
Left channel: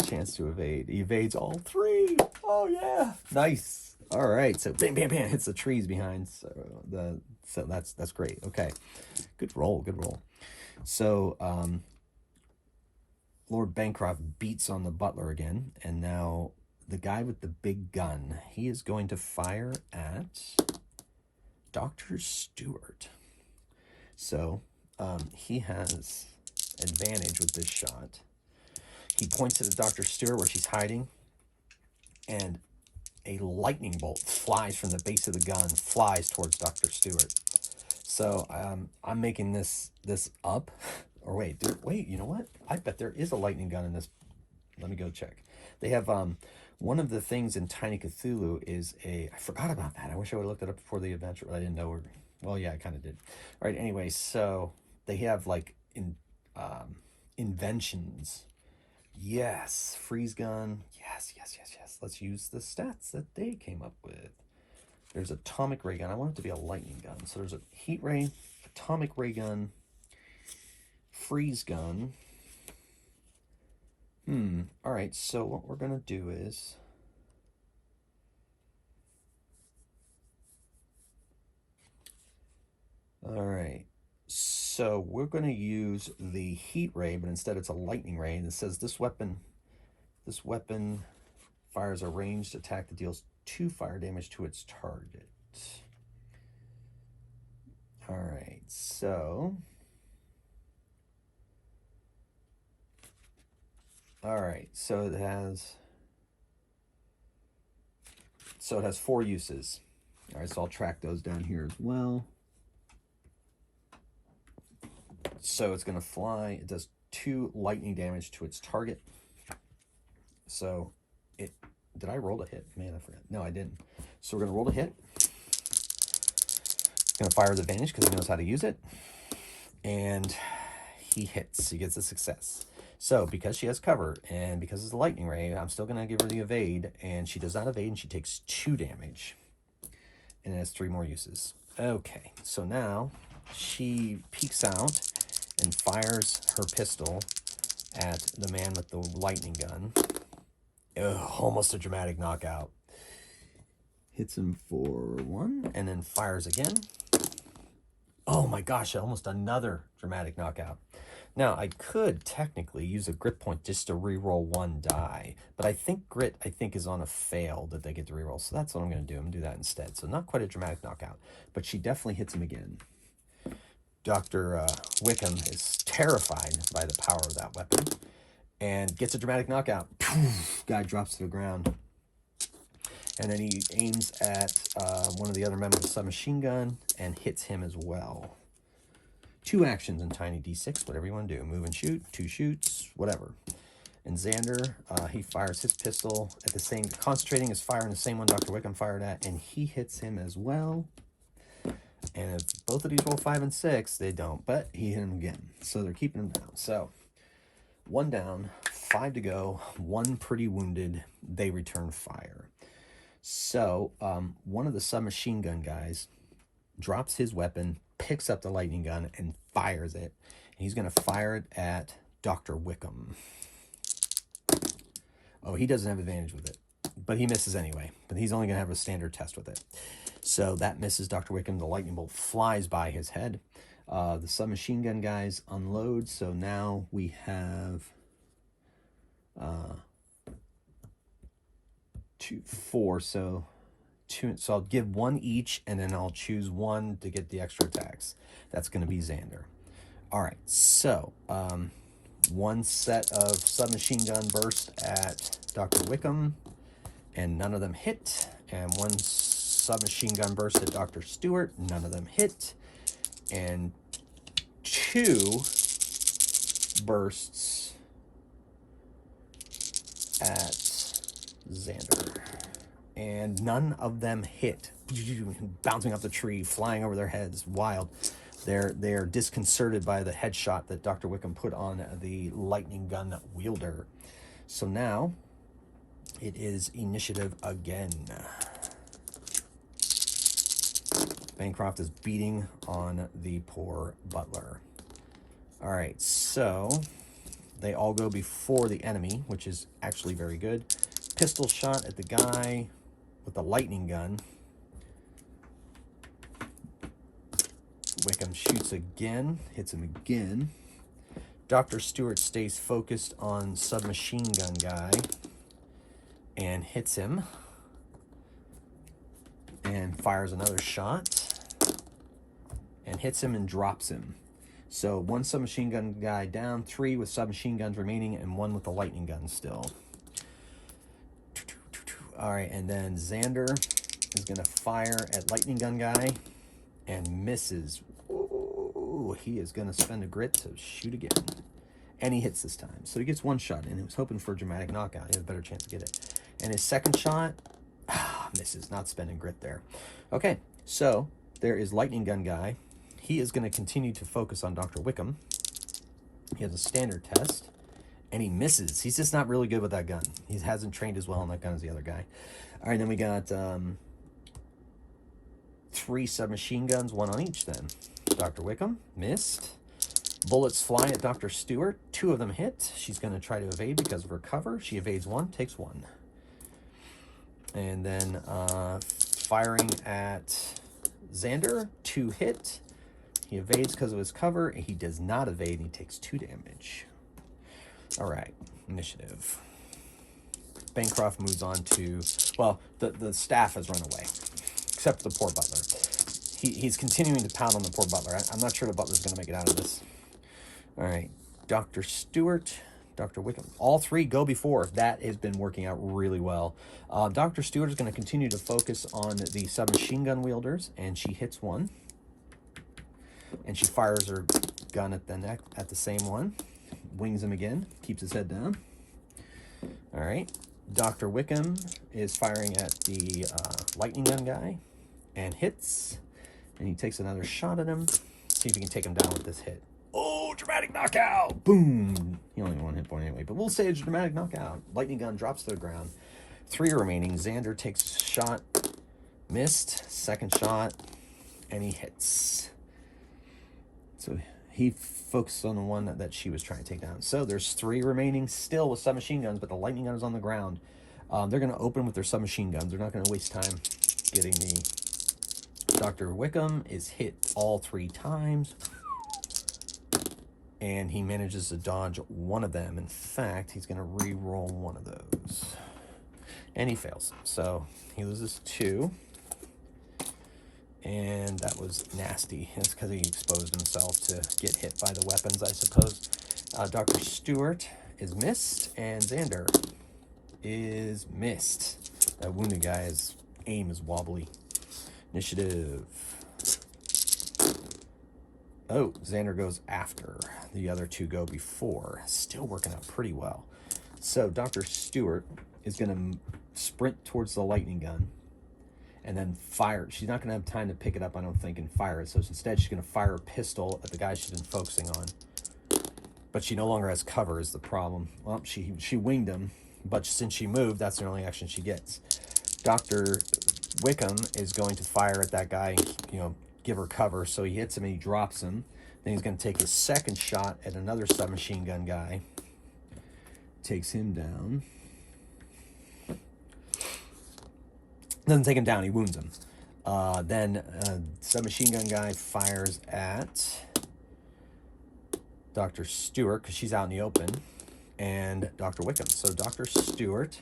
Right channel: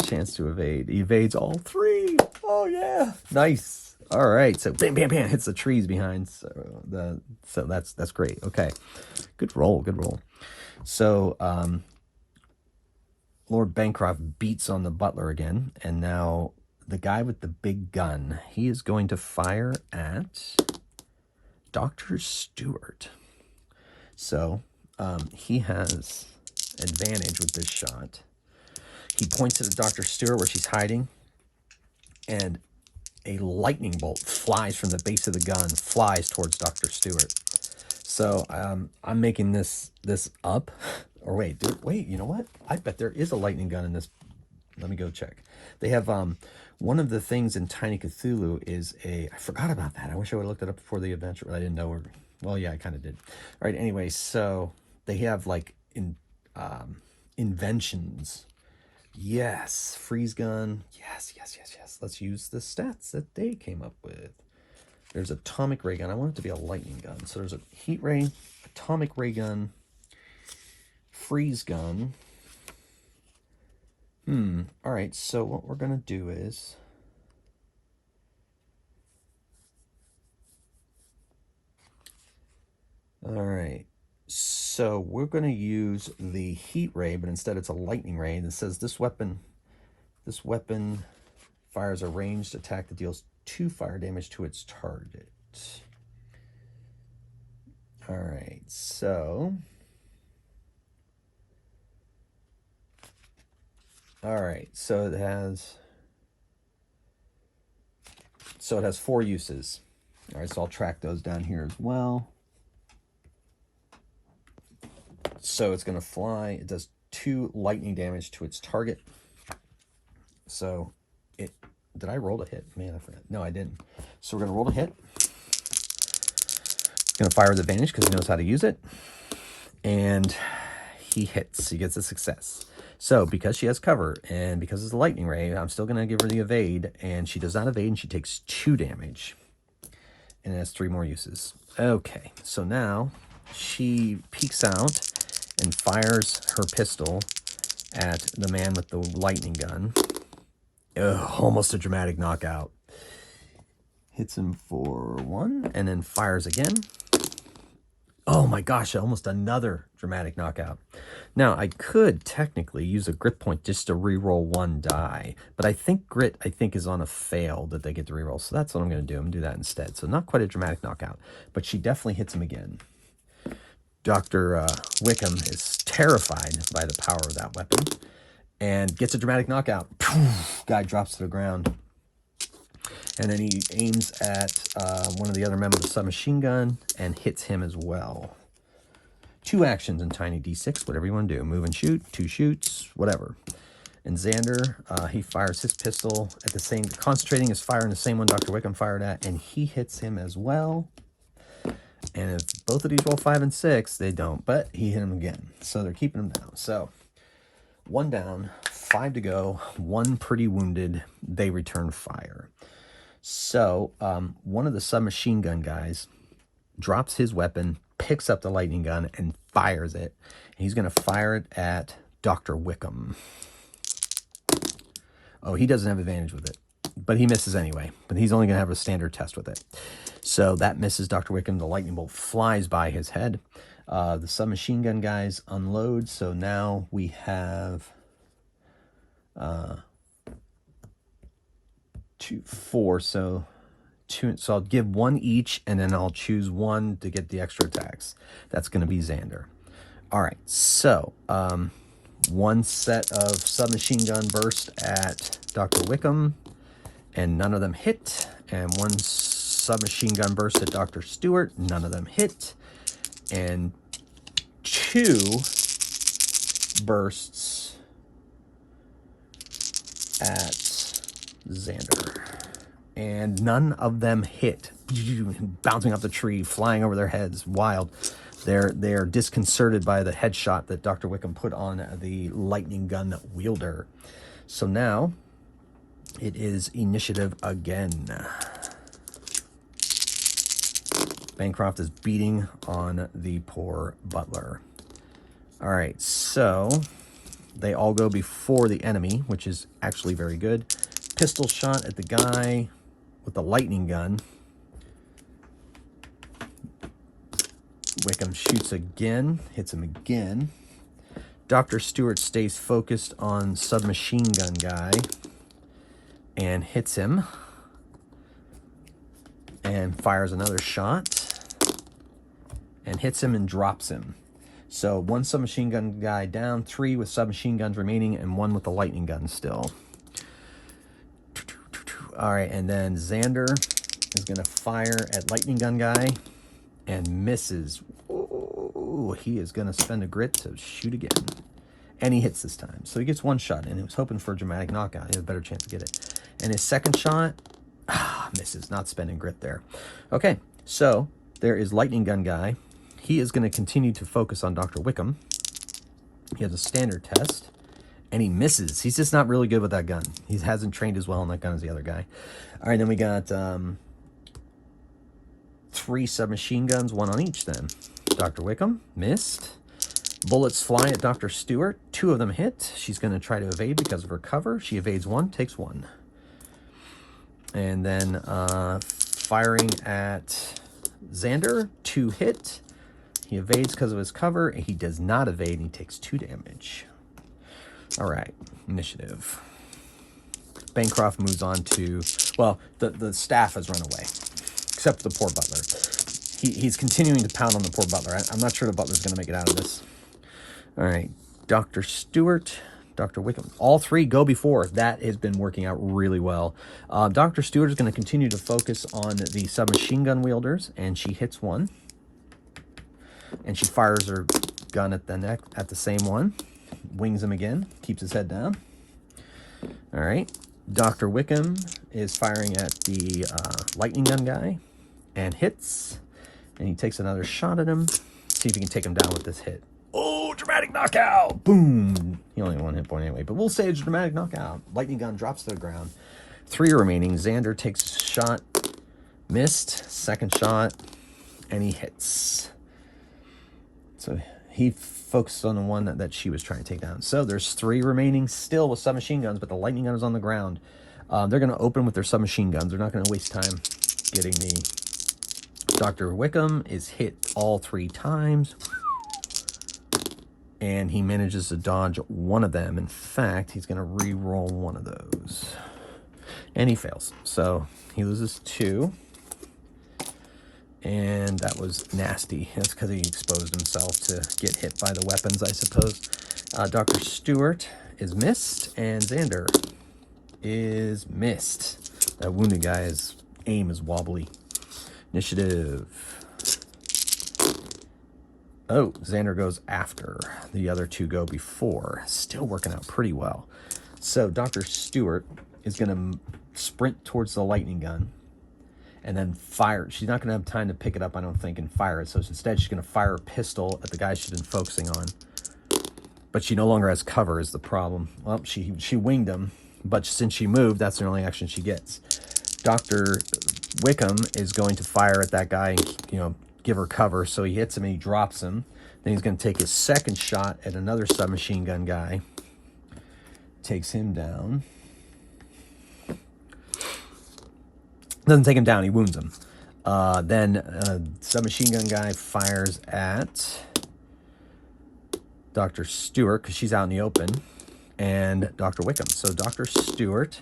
chance to evade. He evades all 3. Oh yeah. Nice. All right. So bam, bam, bam, hits the trees behind. So that's great. Okay. Good roll. Good roll. So Lord Bancroft beats on the butler again, and now the guy with the big gun, he is going to fire at Dr. Stewart. So he has advantage with this shot. He points it at Dr. Stewart where she's hiding, and a lightning bolt flies from the base of the gun, flies towards Dr. Stewart. So I'm making this up. Or wait, you know what? I bet there is a lightning gun in this. Let me go check. They have one of the things in Tiny Cthulhu is I forgot about that. I wish I would have looked it up before the adventure, but I didn't know. Well, yeah, I kind of did. All right, anyway, so they have like inventions. Yes, freeze gun. Yes. Let's use the stats that they came up with. There's atomic ray gun. I want it to be a lightning gun. So there's a heat ray, atomic ray gun, freeze gun. All right, so what we're going to do is all right. So we're going to use the heat ray, but instead it's a lightning ray. And it says this weapon fires a ranged attack that deals 2 fire damage to its target. All right, so it has 4 uses. All right, so I'll track those down here as well. So it's going to fly. It does 2 lightning damage to its target. So did I roll a hit? Man, I forgot. No, I didn't. So we're going to roll a hit. It's going to fire with advantage because he knows how to use it. And he hits. He gets a success. So because she has cover and because it's a lightning ray, I'm still going to give her the evade. And she does not evade, and she takes 2 damage. And it has 3 more uses. Okay, so now she peeks out and fires her pistol at the man with the lightning gun. Almost a dramatic knockout. Hits him for 1 and then fires again. Oh my gosh, almost another dramatic knockout. Now, I could technically use a grit point just to reroll 1 die, but I think grit is on a fail that they get to reroll. So that's what I'm going to do. I'm going to do that instead. So not quite a dramatic knockout, but she definitely hits him again. Dr. Wickham is terrified by the power of that weapon and gets a dramatic knockout. Guy drops to the ground. And then he aims at one of the other members of the submachine gun and hits him as well. 2 actions in Tiny D6, whatever you want to do. Move and shoot, 2 shoots, whatever. And Xander, he fires his pistol at the same, concentrating his fire in the same one Dr. Wickham fired at, and he hits him as well. And if both of these roll 5 and 6, they don't, but he hit him again. So they're keeping him down. So 1 down, 5 to go, 1 pretty wounded. They return fire. So one of the submachine gun guys drops his weapon, picks up the lightning gun, and fires it. He's going to fire it at Dr. Wickham. Oh, he doesn't have advantage with it, but he misses anyway. But he's only going to have a standard test with it. So that misses Dr. Wickham. The lightning bolt flies by his head. The submachine gun guys unload. So now we have 4. So I'll give 1 each, and then I'll choose 1 to get the extra attacks. That's going to be Xander. All right, so 1 set of submachine gun burst at Dr. Wickham, and none of them hit. And 1 submachine gun burst at Dr. Stewart, none of them hit. And 2 bursts at Xander, and none of them hit. Bouncing off the tree, flying over their heads, wild. They're disconcerted by the headshot that Dr. Wickham put on the lightning gun wielder. So now it is initiative again. Bancroft is beating on the poor butler. All right, so they all go before the enemy, which is actually very good. Pistol shot at the guy with the lightning gun. Wickham shoots again, hits him again. Dr. Stewart stays focused on submachine gun guy and hits him and fires another shot and hits him and drops him. So 1 submachine gun guy down, 3 with submachine guns remaining, and 1 with the lightning gun still. All right, and then Xander is going to fire at lightning gun guy and misses. Ooh, he is going to spend a grit to shoot again. And he hits this time. So he gets 1 shot, and he was hoping for a dramatic knockout. He had a better chance to get it. And his second shot, misses, not spending grit there. Okay, so there is lightning gun guy. He is going to continue to focus on Dr. Wickham. He has a standard test, and he misses. He's just not really good with that gun. He hasn't trained as well on that gun as the other guy. All right, then we got 3 submachine guns, 1 on each then. Dr. Wickham missed. Bullets fly at Dr. Stewart. 2 of them hit. She's going to try to evade because of her cover. She evades 1, takes 1. And then firing at Xander, 2 hit. He evades because of his cover. He does not evade. He takes 2 damage. All right, initiative. Bancroft moves on to, well, the staff has run away, except for the poor butler. He's continuing to pound on the poor butler. I'm not sure the butler's going to make it out of this. All right, Dr. Stewart, Dr. Wickham. All 3 go before. That has been working out really well. Dr. Stewart is going to continue to focus on the submachine gun wielders, and she hits 1. And she fires her gun at the neck at the same one. Wings him again. Keeps his head down. All right. Dr. Wickham is firing at the lightning gun guy and hits. And he takes another shot at him. See if he can take him down with this hit. Oh, dramatic knockout. Boom. He only had 1 hit point anyway, but we'll say it's a dramatic knockout. Lightning gun drops to the ground. 3 are remaining. Xander takes a shot. Missed. Second shot. And he hits. So he focused on the one that she was trying to take down. So there's 3 remaining still with submachine guns, but the lightning gun is on the ground. They're going to open with their submachine guns. They're not going to waste time getting the... Dr. Wickham is hit all 3 times. And he manages to dodge 1 of them. In fact, he's going to re-roll 1 of those. And he fails. So he loses 2. And that was nasty. That's because he exposed himself to get hit by the weapons, I suppose. Dr. Stewart is missed, and Xander is missed. That wounded guy's aim is wobbly. Initiative. Oh, Xander goes after. The other 2 go before. Still working out pretty well. So Dr. Stewart is going to sprint towards the lightning gun and then fire. She's not going to have time to pick it up, I don't think, and fire it. So instead, she's going to fire a pistol at the guy she's been focusing on. But she no longer has cover is the problem. Well, she winged him, but since she moved, that's the only action she gets. Dr. Wickham is going to fire at that guy, give her cover, so he hits him and he drops him. Then he's going to take his second shot at another submachine gun guy. Takes him down. Doesn't take him down, he wounds him. Then submachine gun guy fires at Dr. Stewart, because she's out in the open, and Dr. Wickham. So Dr. Stewart,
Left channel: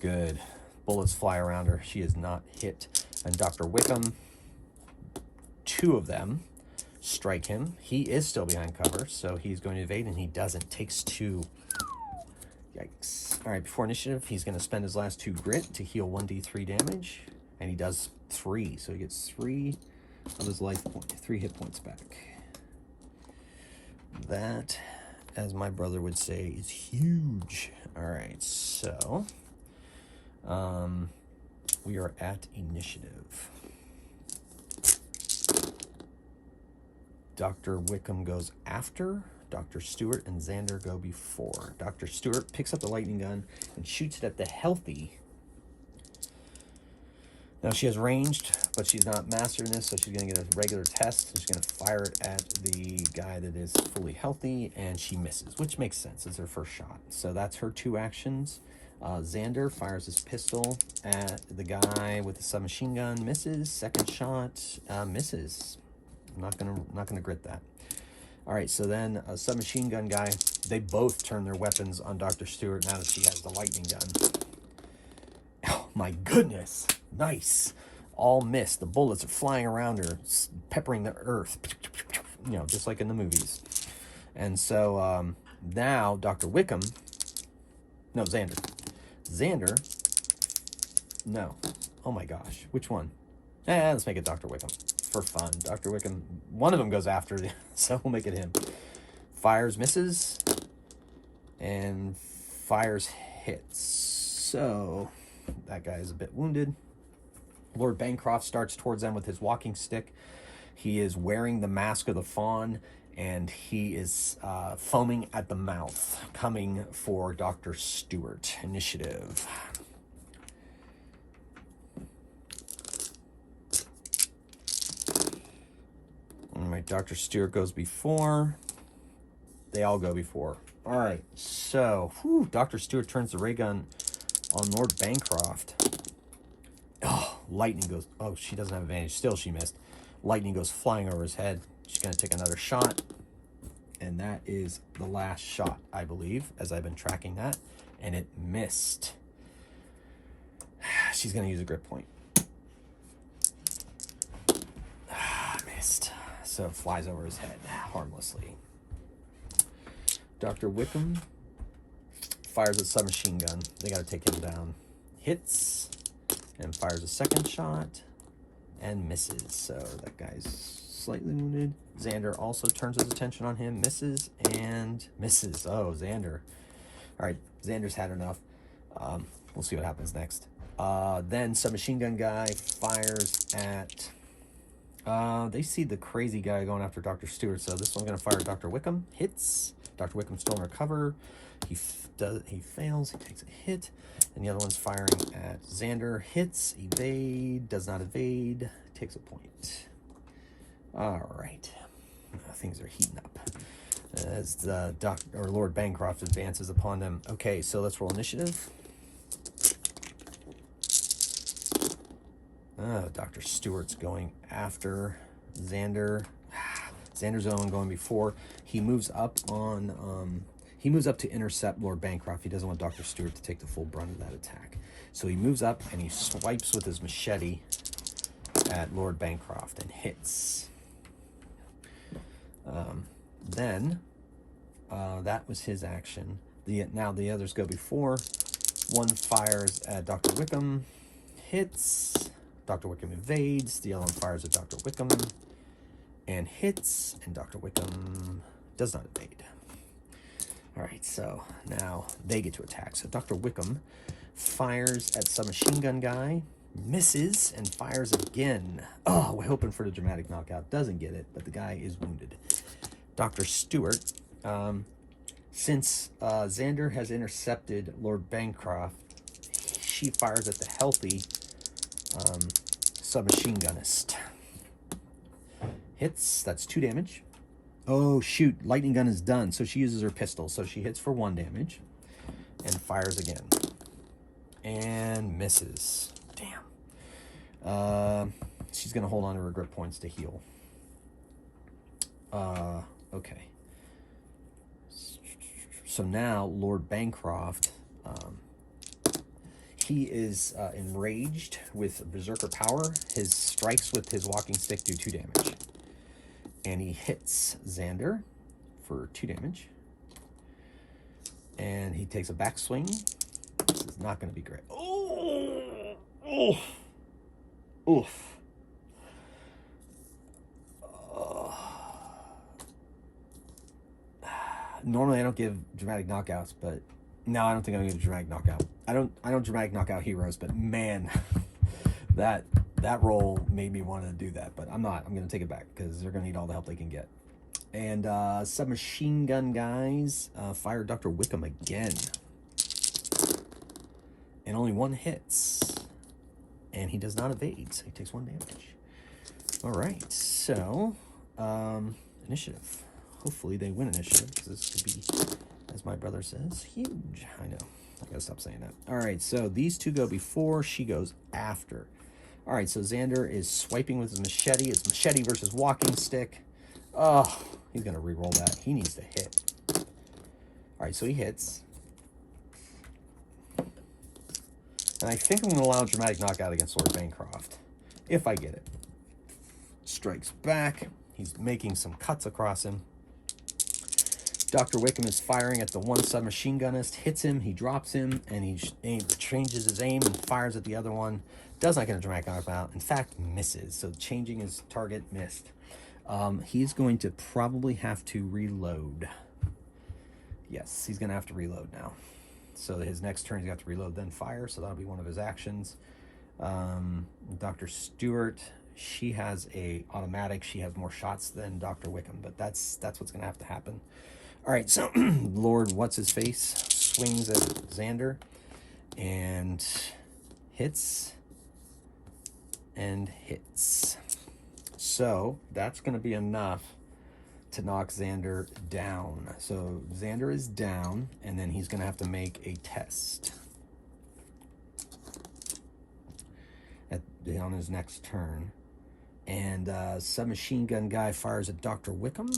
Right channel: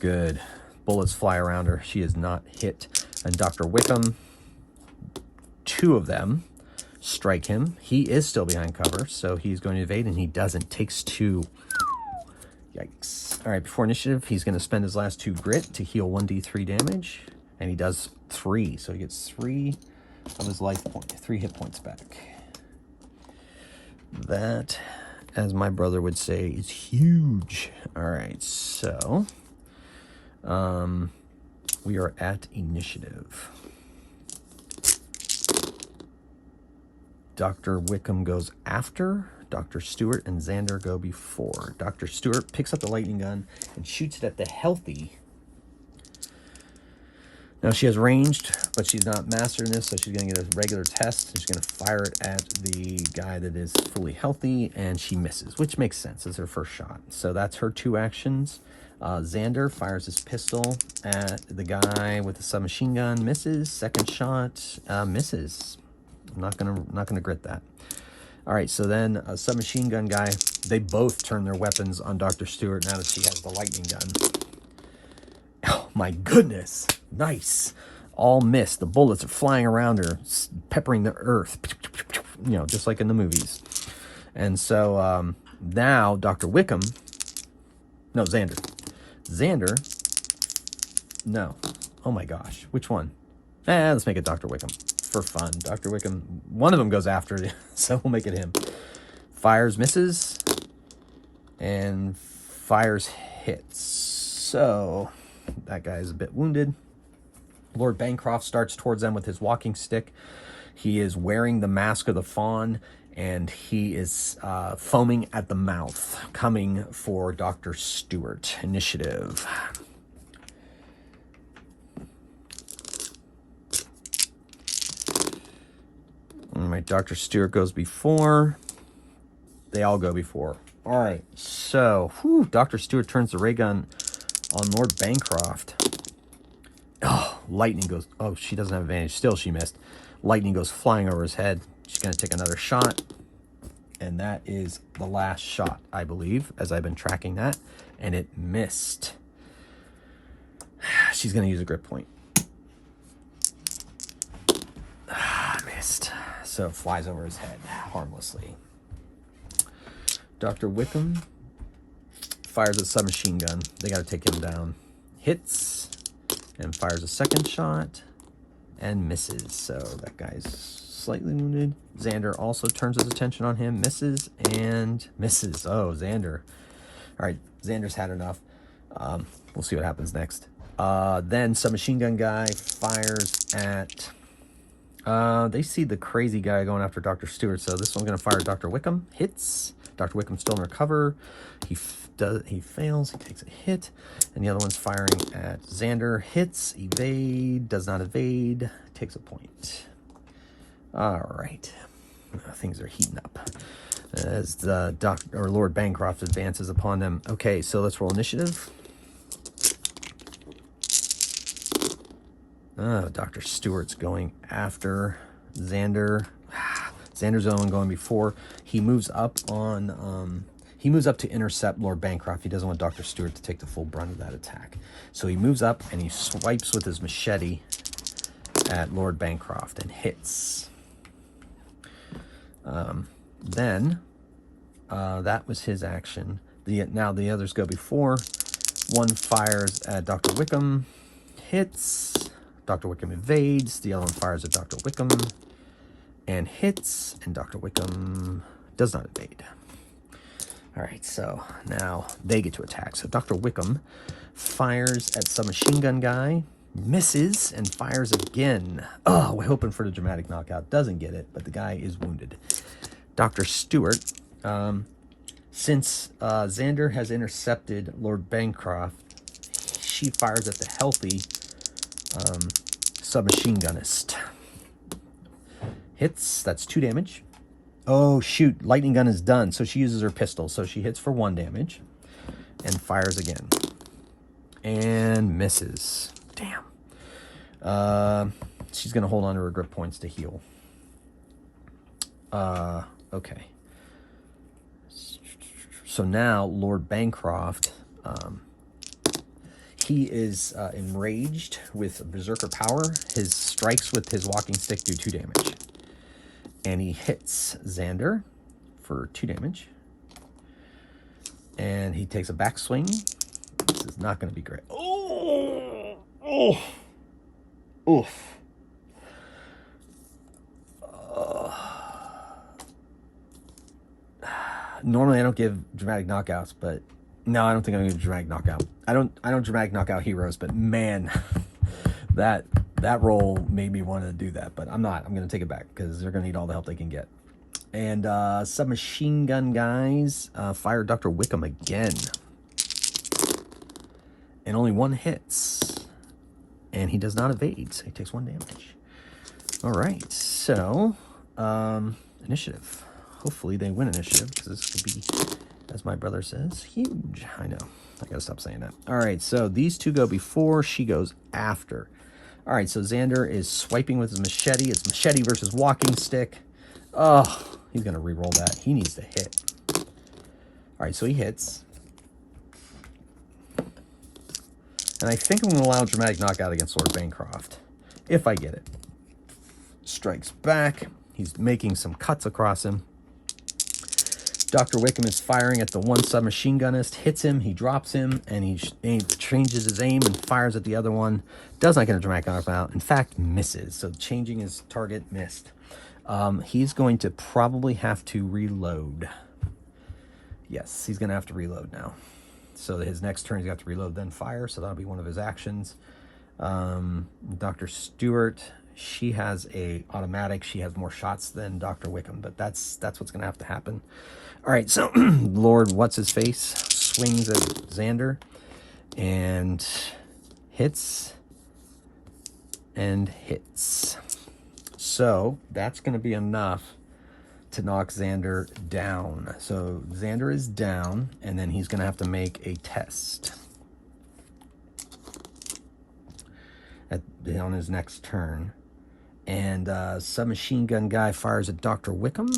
good. Bullets fly around her. She is not hit. And Dr. Wickham, two of them strike him. He is still behind cover, so he's going to evade, and he doesn't. Takes 2. Yikes. All right, before initiative, he's going to spend his last 2 grit to heal 1d3 damage, and he does 3, so he gets 3 of his life point, 3 hit points back. That, as my brother would say, is huge. All right, so we are at initiative. Dr. Wickham goes after. Dr. Stewart and Xander go before. Dr. Stewart picks up the lightning gun and shoots it at the healthy. Now she has ranged, but she's not mastered in this, so she's going to get a regular test. And she's going to fire it at the guy that is fully healthy, and she misses, which makes sense. It's her first shot. So that's her 2 actions. Xander fires his pistol at the guy with the submachine gun, misses. Second shot, misses. I'm not gonna grit that. All right, so then a submachine gun guy, they both turn their weapons on Dr. Stewart now that she has the lightning gun. Oh my goodness, nice. All missed. The bullets are flying around her, peppering the earth, you know, just like in the movies. And so now Dr. Wickham, no, Xander. No. Oh my gosh, which one? Let's make it Dr. Wickham. For fun. Dr. Wickham, one of them goes after it, so we'll make it him. Fires, misses, and fires, hits. So that guy is a bit wounded. Lord Bancroft starts towards them with his walking stick. He is wearing the mask of the fawn, and he is foaming at the mouth, coming for Dr. Stewart. Initiative. All right, Dr. Stewart goes before. They all go before. All right, so Dr. Stewart turns the ray gun on Lord Bancroft. Oh, lightning goes. Oh, she doesn't have advantage. Still, she missed. Lightning goes flying over his head. She's going to take another shot. And that is the last shot, I believe, as I've been tracking that. And it missed. She's going to use a grip point. Missed. So it flies over his head harmlessly. Dr. Wickham fires a submachine gun. They got to take him down. Hits and fires a second shot and misses. So that guy's slightly wounded. Xander also turns his attention on him, misses and misses. Oh, Xander. All right, Xander's had enough. We'll see what happens next. Then submachine gun guy fires at... they see the crazy guy going after Dr. Stewart, so this one's going to fire at Dr. Wickham. Hits. Dr. Wickham's still in recover. He fails. He takes a hit. And the other one's firing at Xander. Hits. Evade. Does not evade. Takes a point. All right. Things are heating up as the Lord Bancroft advances upon them. Okay, so let's roll initiative. Dr. Stewart's going after Xander. Xander's the one going before. He moves up on. He moves up to intercept Lord Bancroft. He doesn't want Dr. Stewart to take the full brunt of that attack. So he moves up and he swipes with his machete at Lord Bancroft and hits. Then that was his action. Now the others go before. One fires at Dr. Wickham, hits. Dr. Wickham evades. The other one fires at Dr. Wickham and hits. And Dr. Wickham does not evade. All right, so now they get to attack. So Dr. Wickham fires at submachine gun guy, misses, and fires again. Oh, we're hoping for the dramatic knockout. Doesn't get it, but the guy is wounded. Dr. Stewart, since Xander has intercepted Lord Bancroft, she fires at the healthy submachine gunnist. Hits. That's 2 damage. Oh, shoot. Lightning gun is done. So she uses her pistol. So she hits for 1 damage and fires again. And misses. Damn. She's going to hold on to her grip points to heal. Okay. So now Lord Bancroft, he is enraged with Berserker Power. His strikes with his walking stick do 2 damage. And he hits Xander for 2 damage. And he takes a backswing. This is not going to be great. Oh! Oh! Oof. Normally I don't give dramatic knockouts, but no, I don't think I'm gonna give a dramatic knockout. I don't dramatic knockout heroes, but man, that roll made me want to do that, but I'm not. I'm gonna take it back because they're gonna need all the help they can get. And submachine gun guys fire Dr. Wickham again, and only 1 hits, and he does not evade, so he takes 1 damage. All right, so initiative. Hopefully they win initiative, because this could be, as my brother says, huge. I know. I gotta stop saying that. All right, so these 2 go before, she goes after. All right, so Xander is swiping with his machete. It's machete versus walking stick. Oh, he's gonna re-roll that. He needs to hit. All right, so he hits. And I think I'm gonna allow dramatic knockout against Lord Bancroft, if I get it. Strikes back. He's making some cuts across him. Dr. Wickham is firing at the one submachine gunist, hits him, he drops him, and he changes his aim and fires at the other one. Does not get a dramatic knockout. In fact, misses. So changing his target, missed. He's going to probably have to reload. Yes, he's going to have to reload now. So his next turn, he's got to reload, then fire. So that'll be one of his actions. Dr. Stewart, she has a automatic. She has more shots than Dr. Wickham, but that's what's going to have to happen. All right, so Lord What's-His-Face swings at Xander and hits and hits. So that's going to be enough to knock Xander down. So Xander is down, and then he's going to have to make a test on his next turn. And submachine gun guy fires at Dr. Wickham.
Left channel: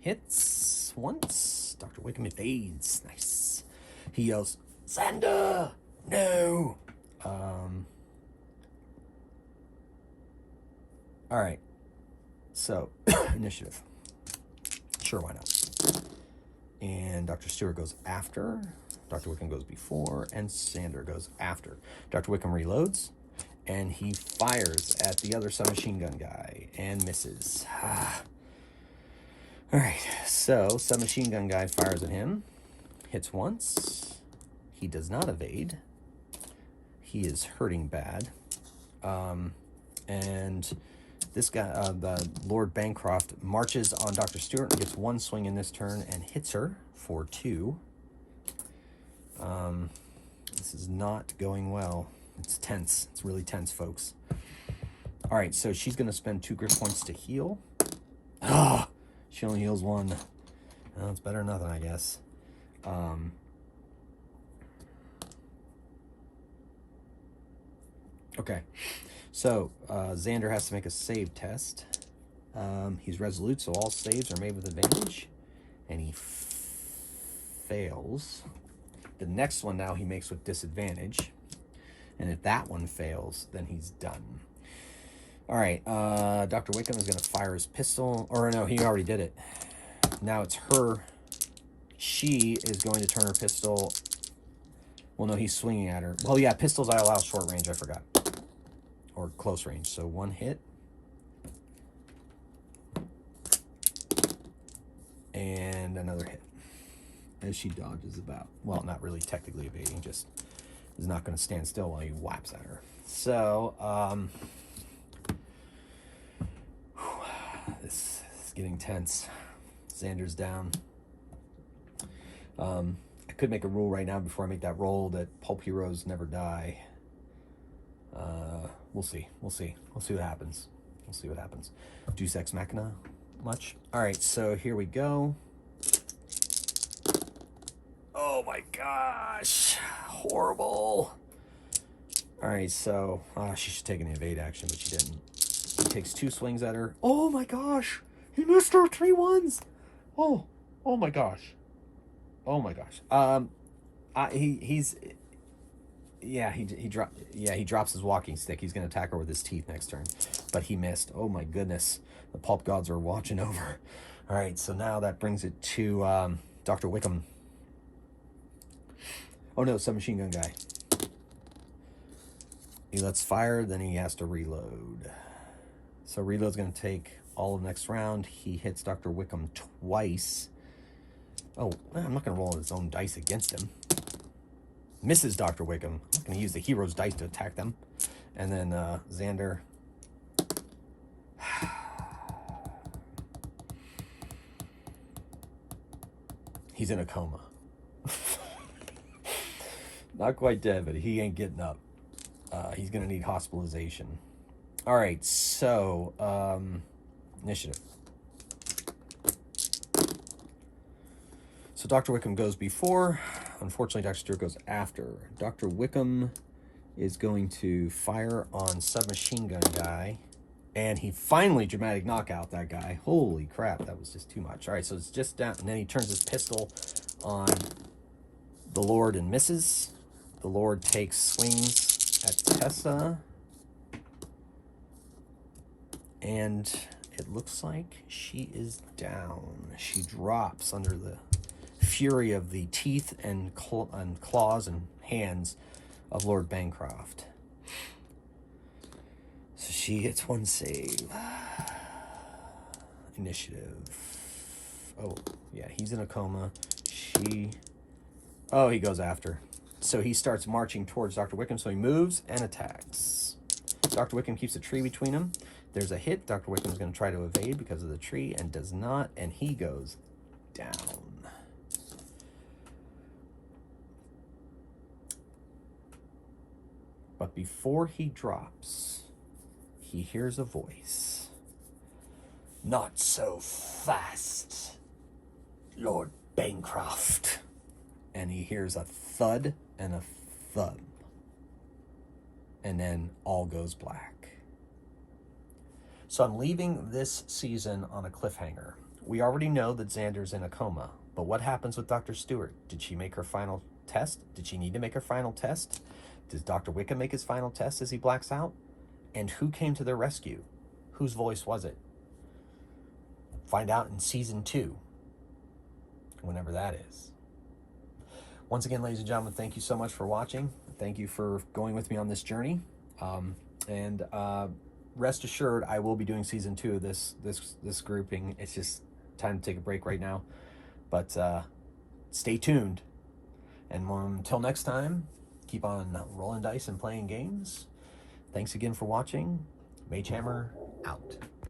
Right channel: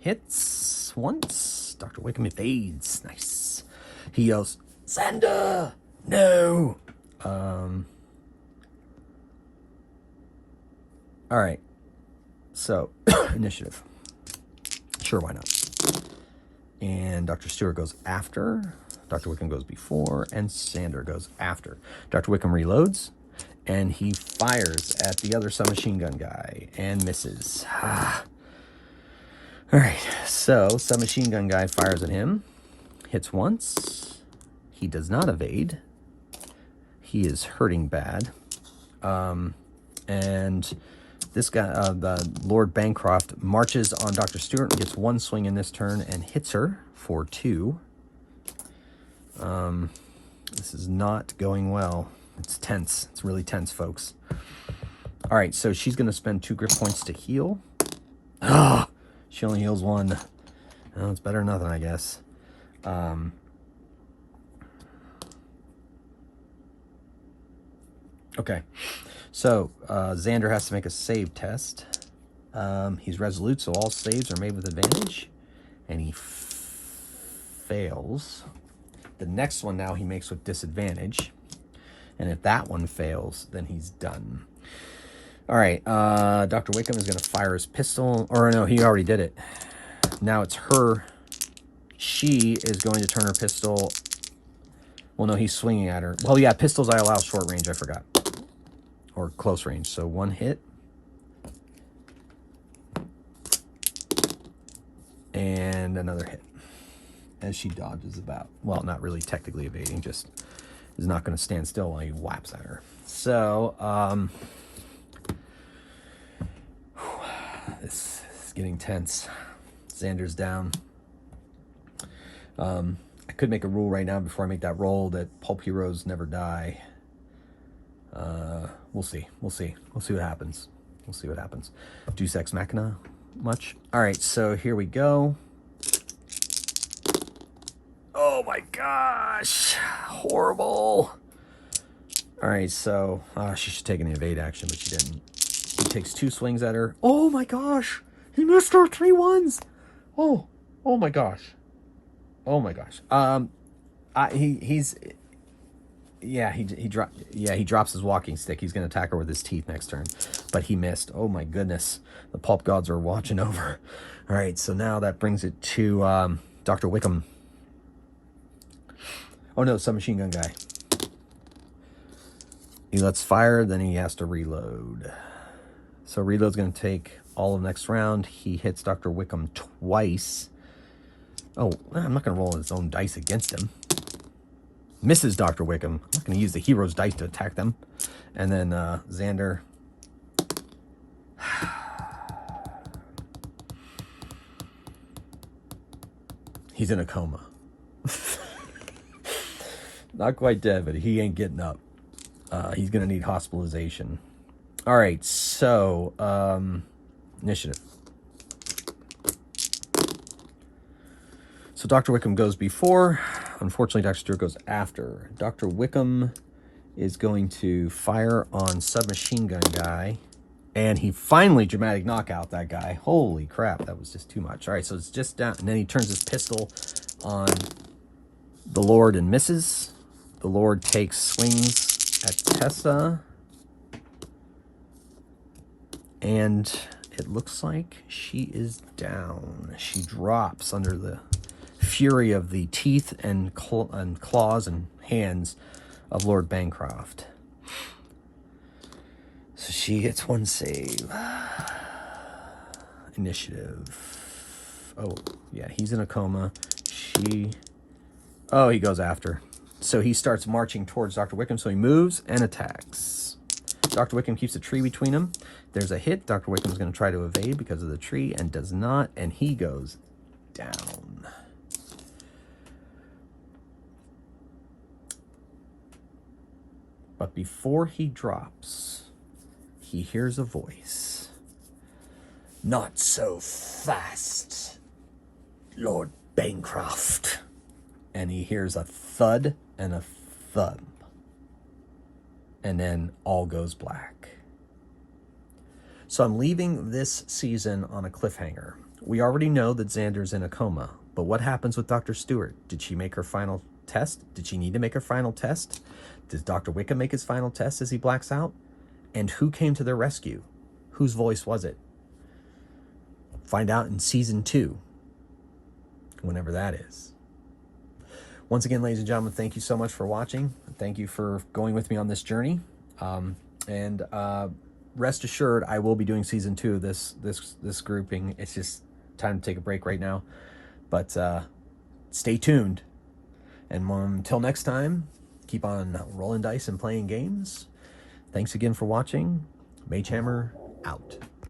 Hits once. Dr. Wickham evades. Nice. He yells, Xander! No! All right. So, initiative. Sure, why not? And Dr. Stewart goes after. Dr. Wickham goes before. And Xander goes after. Dr. Wickham reloads. And he fires at the other submachine gun guy. And misses. All right, so submachine gun guy fires at him, hits once. He does not evade. He is hurting bad. And this guy, the Lord Bancroft, marches on Dr. Stewart and gets 1 swing in this turn and hits her for 2. This is not going well. It's tense. It's really tense, folks. All right, so she's going to spend 2 grip points to heal. She only heals 1. Well, it's better than nothing, I guess. Okay. So, Xander has to make a save test. He's resolute, so all saves are made with advantage. And he fails. The next one now he makes with disadvantage. And if that one fails, then he's done. All right, Dr. Wickham is going to fire his pistol. Or no, he already did it. Now it's her. She is going to turn her pistol. Well, no, he's swinging at her. Well, yeah, pistols I allow short range, I forgot. Or close range. So 1 hit. And another hit. As she dodges about. Well, not really technically evading, just is not going to stand still while he whaps at her. So, this is getting tense. Xander's down. I could make a rule right now before I make that roll that pulp heroes never die. We'll see. We'll see. We'll see what happens. We'll see what happens. Deus Ex Machina much? All right, so here we go. Oh my gosh. Horrible. All right, so she should take an evade action, but she didn't. He takes 2 swings at her. Oh my gosh. He missed her 3 ones. Oh my gosh. Oh my gosh. He drops his walking stick. He's going to attack her with his teeth next turn, but he missed. Oh my goodness. The pulp gods are watching over. All right, so now that brings it to Dr. Wickham. Oh no, submachine gun guy. He lets fire, then he has to reload. So reload's going to take all of next round. He hits Dr. Wickham twice. Oh, I'm not going to roll his own dice against him. Misses Dr. Wickham. I'm not going to use the hero's dice to attack them. And then Xander. He's in a coma. Not quite dead, but he ain't getting up. He's going to need hospitalization. All right, so initiative. So Dr. Wickham goes before. Unfortunately, Dr. Stewart goes after. Dr. Wickham is going to fire on submachine gun guy. And he finally dramatic knockout that guy. Holy crap, that was just too much. All right, so it's just down. And then he turns his pistol on the Lord and misses. The Lord takes swings at Tessa. And it looks like she is down. She drops under the fury of the teeth and claws and hands of Lord Bancroft. So she gets 1 save. Initiative. Oh, yeah, he's in a coma. Oh, he goes after. So he starts marching towards Dr. Wickham, so he moves and attacks. Dr. Wickham keeps a tree between them. There's a hit. Dr. Wickham's going to try to evade because of the tree and does not, and he goes down. But before he drops, he hears a voice. Not so fast, Lord Bancroft. And he hears a thud and a thud. And then all goes black. So I'm leaving this season on a cliffhanger. We already know that Xander's in a coma, but what happens with Dr. Stewart? Did she make her final test? Did she need to make her final test? Does Dr. Wickham make his final test as he blacks out? And who came to their rescue? Whose voice was it? Find out in season 2, whenever that is. Once again, ladies and gentlemen, thank you so much for watching. Thank you for going with me on this journey. And rest assured, I will be doing season 2 of this grouping. It's just time to take a break right now. But stay tuned. And until next time, keep on rolling dice and playing games. Thanks again for watching. Magehammer out.